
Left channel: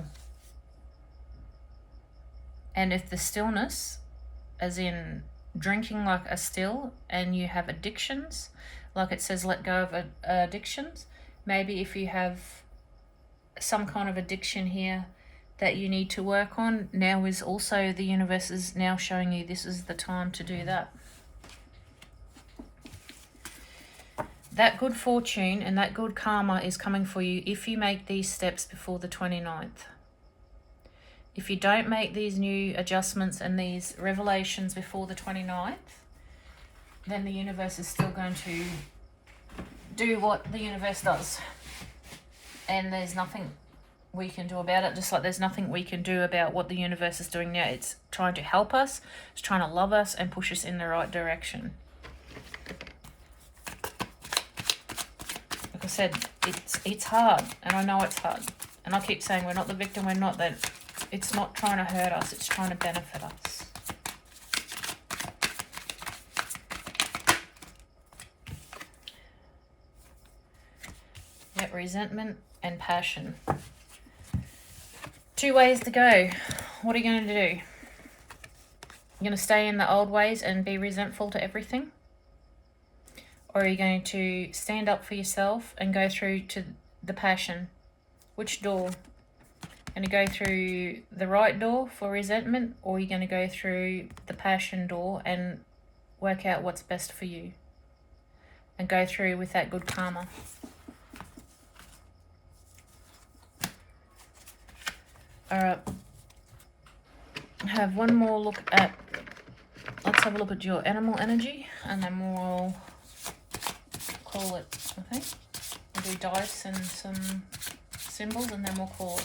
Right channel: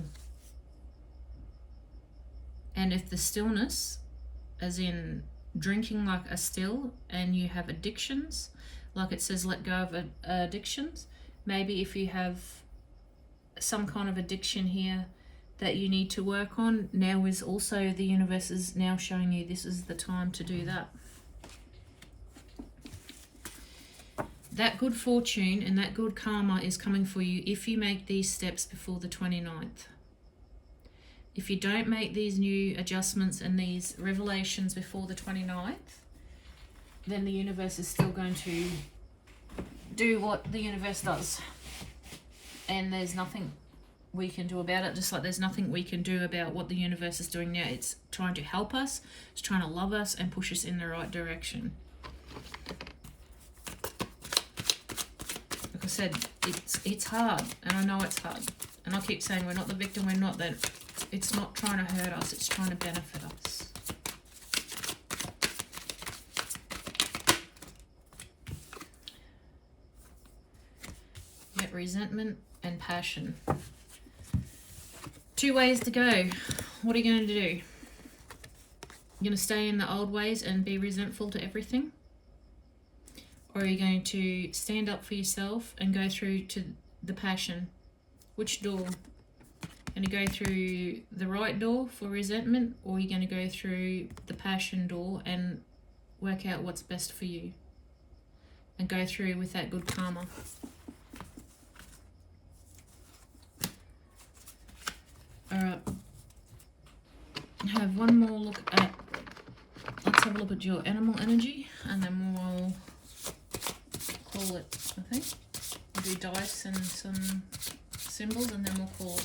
And if the stillness, as in drinking like a still, and you have addictions, like it says let go of addictions, maybe if you have some kind of addiction here that you need to work on, now is also the universe is now showing you this is the time to do that. That good fortune and that good karma is coming for you if you make these steps before the 29th. If you don't make these new adjustments and these revelations before the 29th, then the universe is still going to do what the universe does. And there's nothing we can do about it, just like there's nothing we can do about what the universe is doing now. It's trying to help us, it's trying to love us and push us in the right direction. Like I said, it's hard, and I know it's hard. And I keep saying we're not the victim, we're not that. It's not trying to hurt us, it's trying to benefit us. Yep, resentment and passion. Two ways to go. What are you going to do? You're going to stay in the old ways and be resentful to everything? Or are you going to stand up for yourself and go through to the passion? Which door? Going to go through the right door for resentment, or are you going to go through the passion door and work out what's best for you and go through with that good karma? Alright, have one more look at, let's have a look at your animal energy, and then we'll call it, I think. We'll do dice and some symbols, and then we'll call it.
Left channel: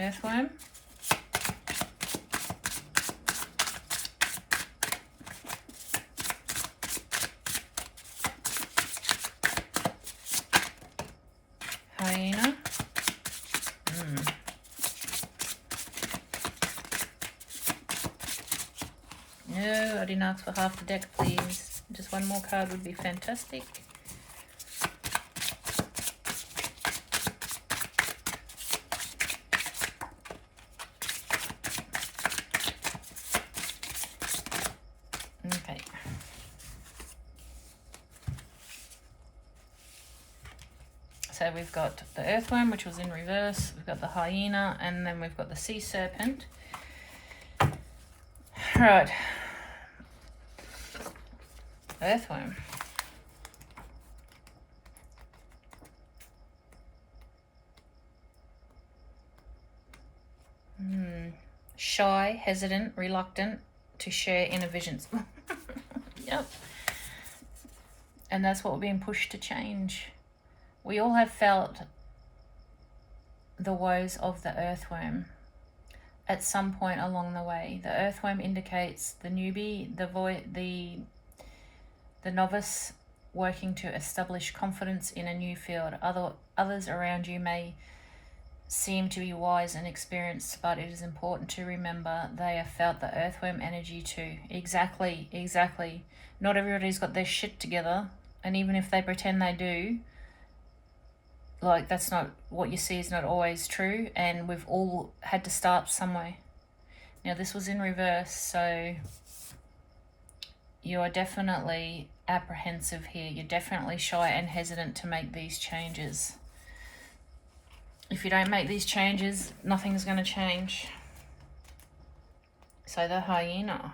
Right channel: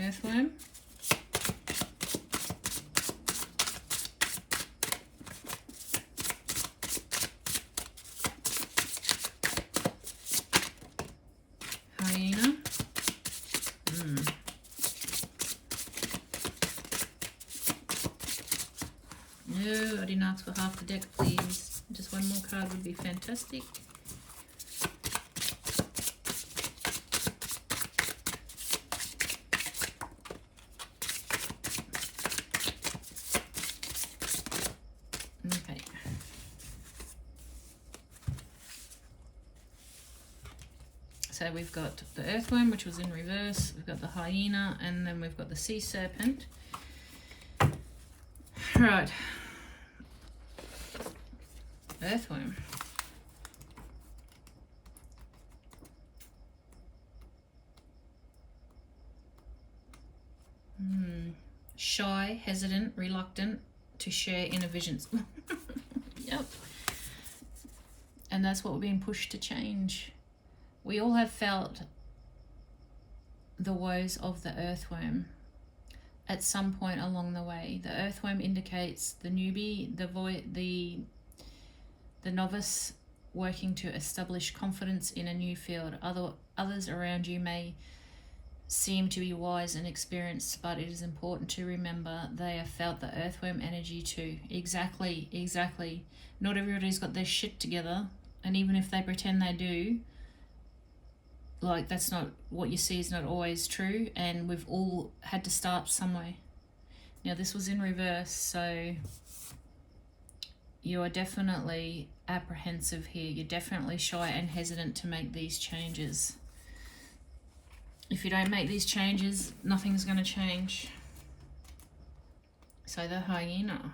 Earthworm. Hyena. No, I didn't ask for half the deck, please. Just one more card would be fantastic. Okay. So we've got the earthworm, which was in reverse. We've got the hyena, and then we've got the sea serpent. Right. Earthworm. Shy, hesitant, reluctant to share inner visions. Yep. And that's what we're being pushed to change. We all have felt the woes of the earthworm at some point along the way. The earthworm indicates the newbie, the novice working to establish confidence in a new field. Others around you may seem to be wise and experienced, but it is important to remember they have felt the earthworm energy too. Exactly. Not everybody's got their shit together, and even if they pretend they do, like, that's not what you see is not always true, and we've all had to start somewhere. Now this was in reverse, so you are definitely apprehensive here. You're definitely shy and hesitant to make these changes. If you don't make these changes, nothing's going to change. So the hyena.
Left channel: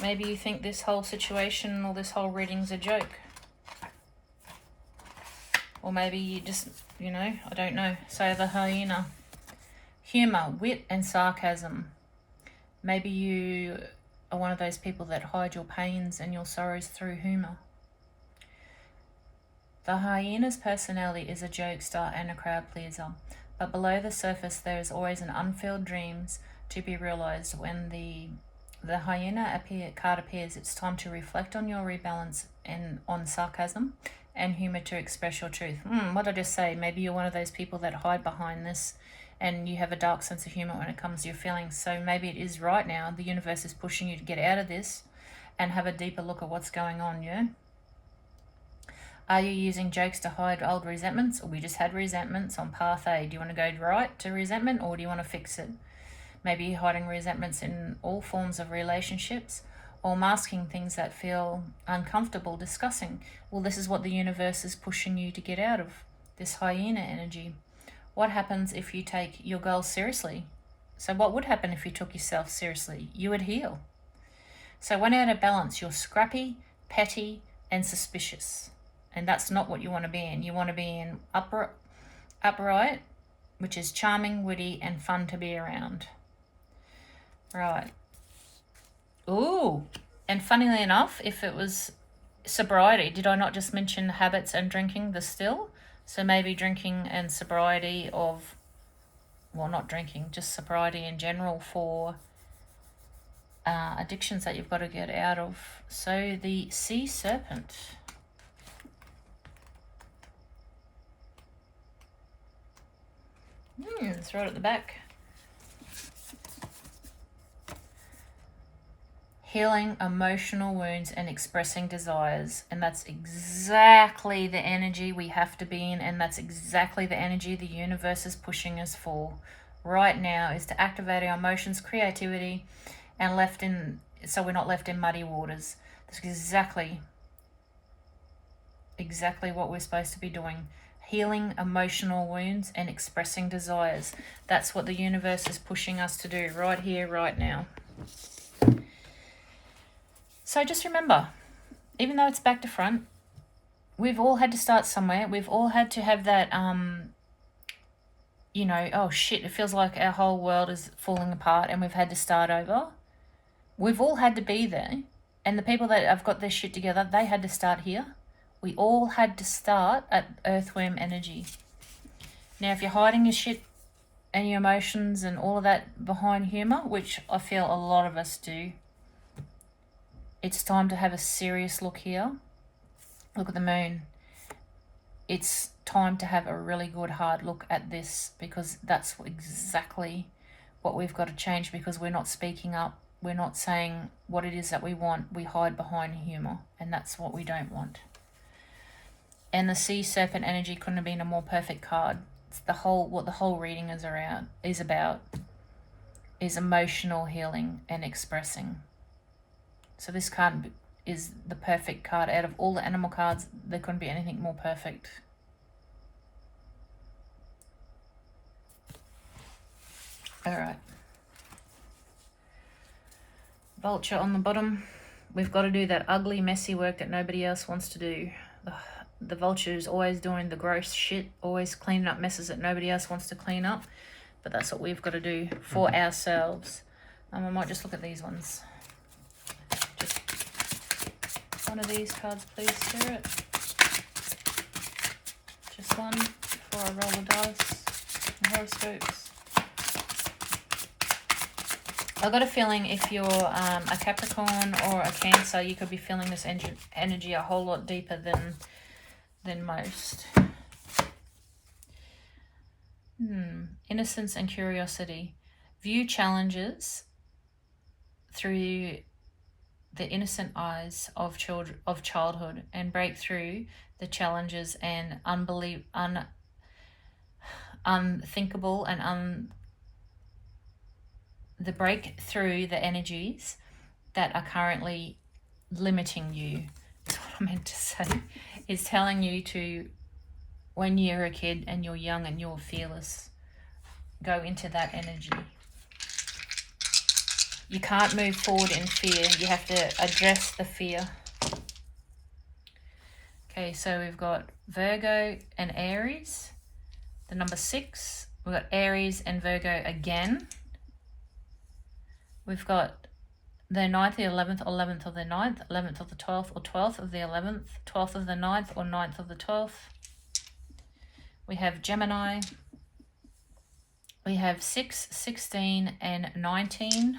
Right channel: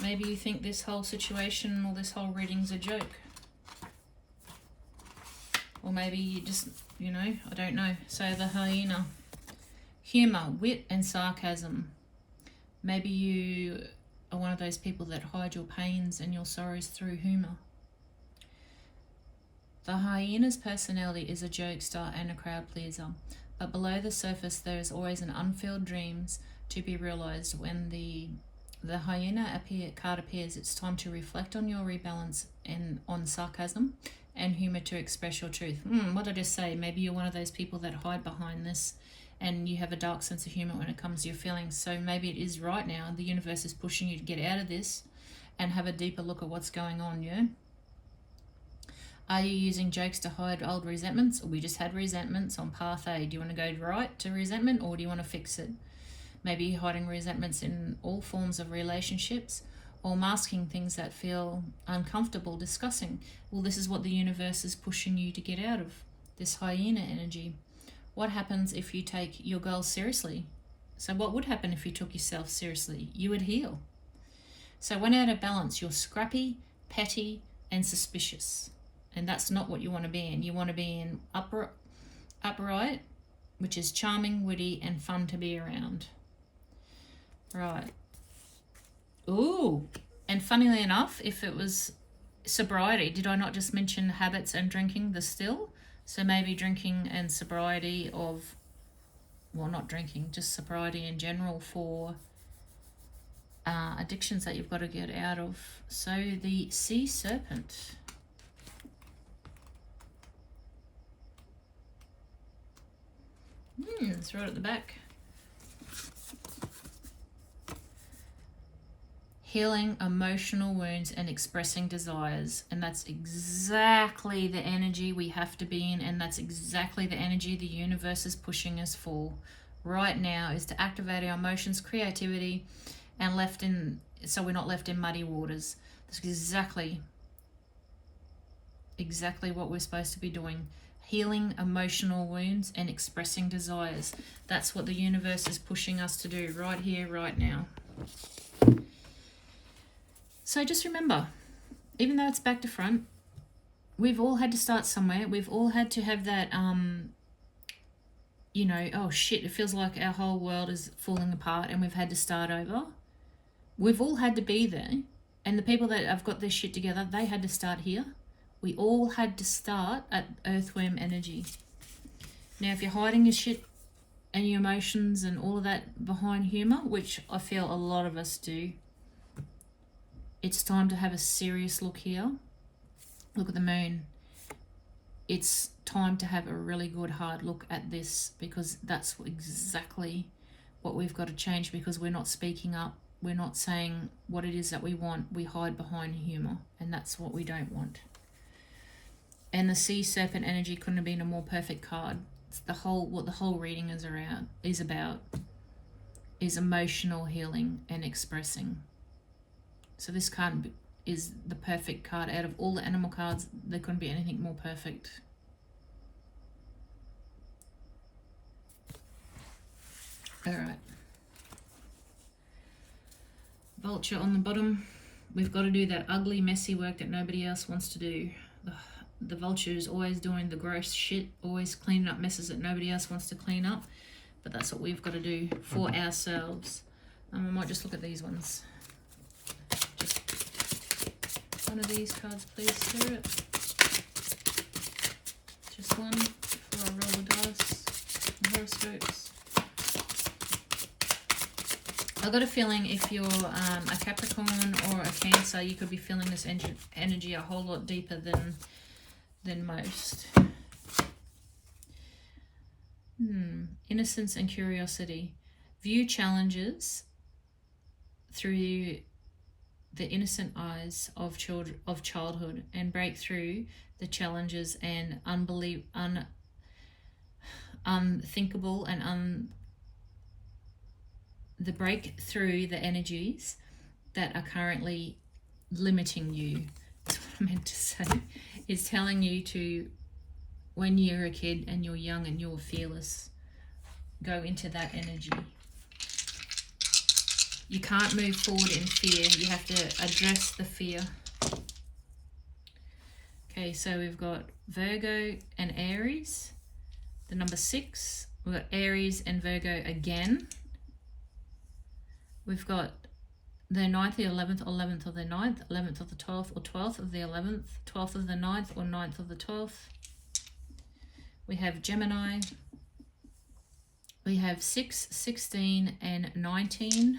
Maybe you think this whole situation or this whole reading's a joke. Or maybe you just, you know, I don't know. So the hyena. Humour, wit and sarcasm. Maybe you are one of those people that hide your pains and your sorrows through humour. The hyena's personality is a jokester and a crowd pleaser, but below the surface there is always an unfilled dreams to be realised. When the hyena card appears, it's time to reflect on your rebalance and on sarcasm and humour to express your truth. What did I just say? Maybe you're one of those people that hide behind this and you have a dark sense of humour when it comes to your feelings. So maybe it is right now, the universe is pushing you to get out of this and have a deeper look at what's going on, yeah? Are you using jokes to hide old resentments? Or we just had resentments on path A. Do you want to go right to resentment, or do you want to fix it? Maybe you're hiding resentments in all forms of relationships, or masking things that feel uncomfortable discussing. Well, this is what the universe is pushing you to get out of, this hyena energy. What happens if you take your goals seriously? So what would happen if you took yourself seriously? You would heal. So when out of balance, you're scrappy, petty, and suspicious. And that's not what you want to be in. You want to be in upright, which is charming, witty, and fun to be around. Right. Ooh. And funnily enough, if it was sobriety, did I not just mention habits and drinking, the still? So maybe drinking and sobriety of, well, not drinking, just sobriety in general for addictions that you've got to get out of. So the sea serpent. It's right at the back. Healing emotional wounds and expressing desires. And that's exactly the energy we have to be in, and that's exactly the energy the universe is pushing us for right now, is to activate our emotions, creativity, and so we're not left in muddy waters. That's exactly what we're supposed to be doing. Healing emotional wounds and expressing desires. That's what the universe is pushing us to do right here, right now. So just remember, even though it's back to front, we've all had to start somewhere. We've all had to have that, you know, oh shit, it feels like our whole world is falling apart and we've had to start over. We've all had to be there. And the people that have got their shit together, they had to start here. We all had to start at earthworm energy. Now, if you're hiding your shit and your emotions and all of that behind humour, which I feel a lot of us do, it's time to have a serious look here. Look at the moon. It's time to have a really good hard look at this, because that's exactly what we've got to change, because we're not speaking up. We're not saying what it is that we want. We hide behind humour, and that's what we don't want. And the sea serpent energy couldn't have been a more perfect card. It's what the whole reading is about is emotional healing and expressing. So this card is the perfect card. Out of all the animal cards, there couldn't be anything more perfect. All right. Vulture on the bottom. We've got to do that ugly, messy work that nobody else wants to do. The vulture is always doing the gross shit, always cleaning up messes that nobody else wants to clean up. But that's what we've got to do for ourselves. I might just look at these ones. Just one of these cards, please, Spirit. Just one before I roll the dice and horoscopes. I've got a feeling if you're a Capricorn or a Cancer, you could be feeling this energy a whole lot deeper than most. Innocence and curiosity. View challenges through the innocent eyes of childhood and break through the challenges and unthinkable and the break through the energies that are currently limiting you. That's what I meant to say. Is telling you to, when you're a kid and you're young and you're fearless, go into that energy. You can't move forward in fear. You have to address the fear. Okay, so we've got Virgo and Aries. The number 6. We've got Aries and Virgo again. We've got the 9th, the 11th, 11th of the 9th, 11th of the 12th, or 12th of the 11th, 12th of the 9th, or 9th of the 12th. We have Gemini. We have 6, 16, and 19.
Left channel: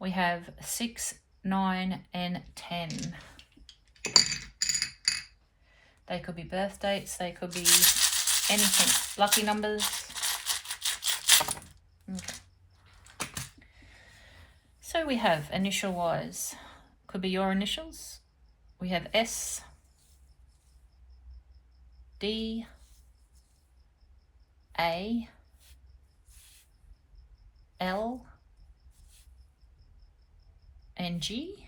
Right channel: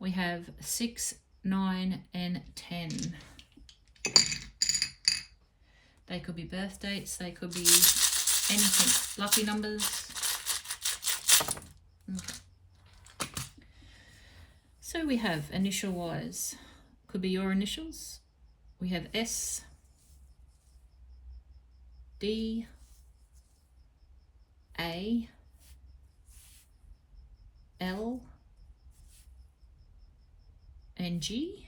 We have 6, 9, and 10. They could be birth dates. They could be anything. Lucky numbers. Okay. So we have initial-wise. Could be your initials. We have S, D, A, L, and G.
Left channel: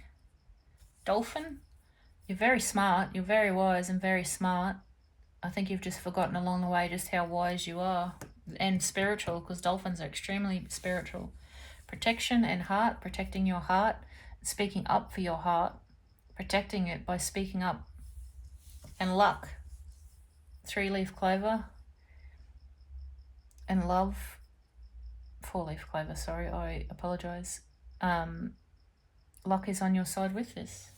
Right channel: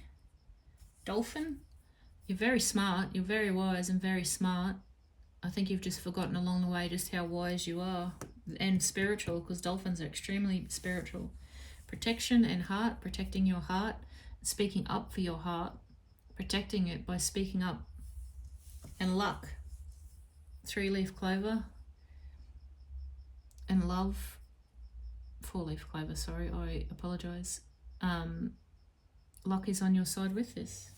Dolphin. You're very smart. You're very wise and very smart. I think you've just forgotten along the way just how wise you are. And spiritual, because dolphins are extremely spiritual. Protection and heart. Protecting your heart. Speaking up for your heart. Protecting it by speaking up. And luck. 3-leaf clover. And love. 4-leaf clover, sorry. I apologise. Luck is on your side with this.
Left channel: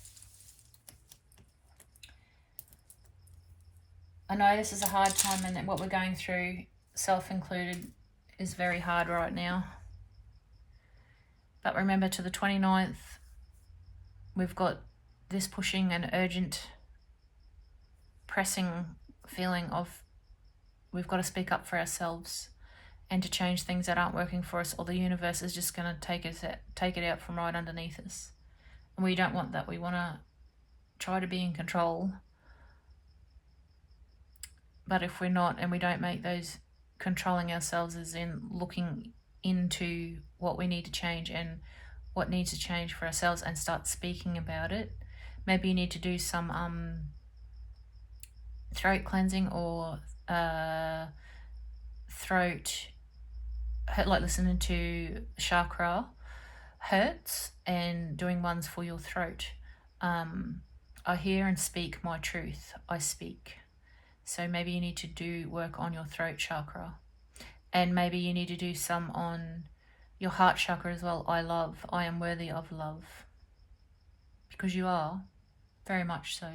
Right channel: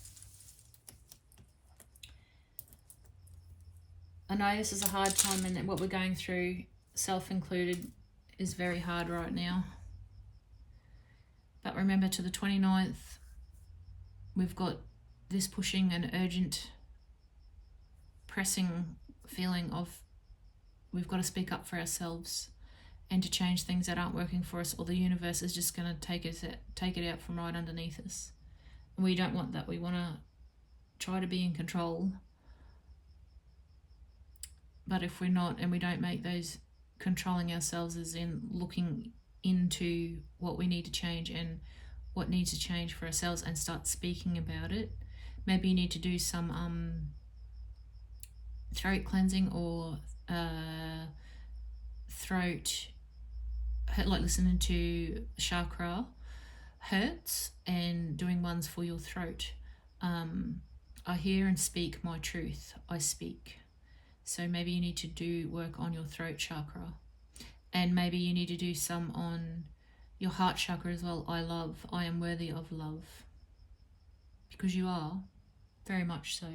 I know this is a hard time, and that what we're going through, self included, is very hard right now. But remember, to the 29th, we've got this pushing and urgent, pressing feeling of we've got to speak up for ourselves and to change things that aren't working for us, or the universe is just going to take it out from right underneath us. And we don't want that. We want to try to be in control. But if we're not, and we don't make those controlling ourselves as in looking into what we need to change and what needs to change for ourselves and start speaking about it. Maybe you need to do some throat cleansing or throat, like listening to chakra hurts and doing ones for your throat. I hear and speak my truth. I speak. So maybe you need to do work on your throat chakra. And maybe you need to do some on your heart chakra as well. I love. I am worthy of love. Because you are. Very much so.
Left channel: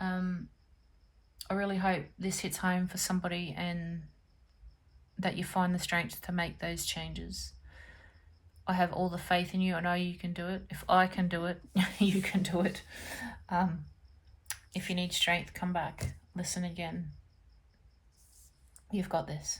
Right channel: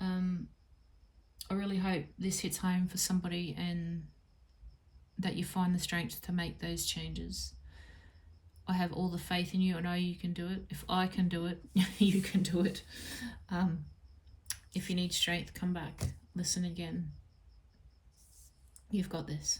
I really hope this hits home for somebody and that you find the strength to make those changes. I have all the faith in you. I know you can do it. If I can do it, you can do it. If you need strength, come back. Listen again. You've got this.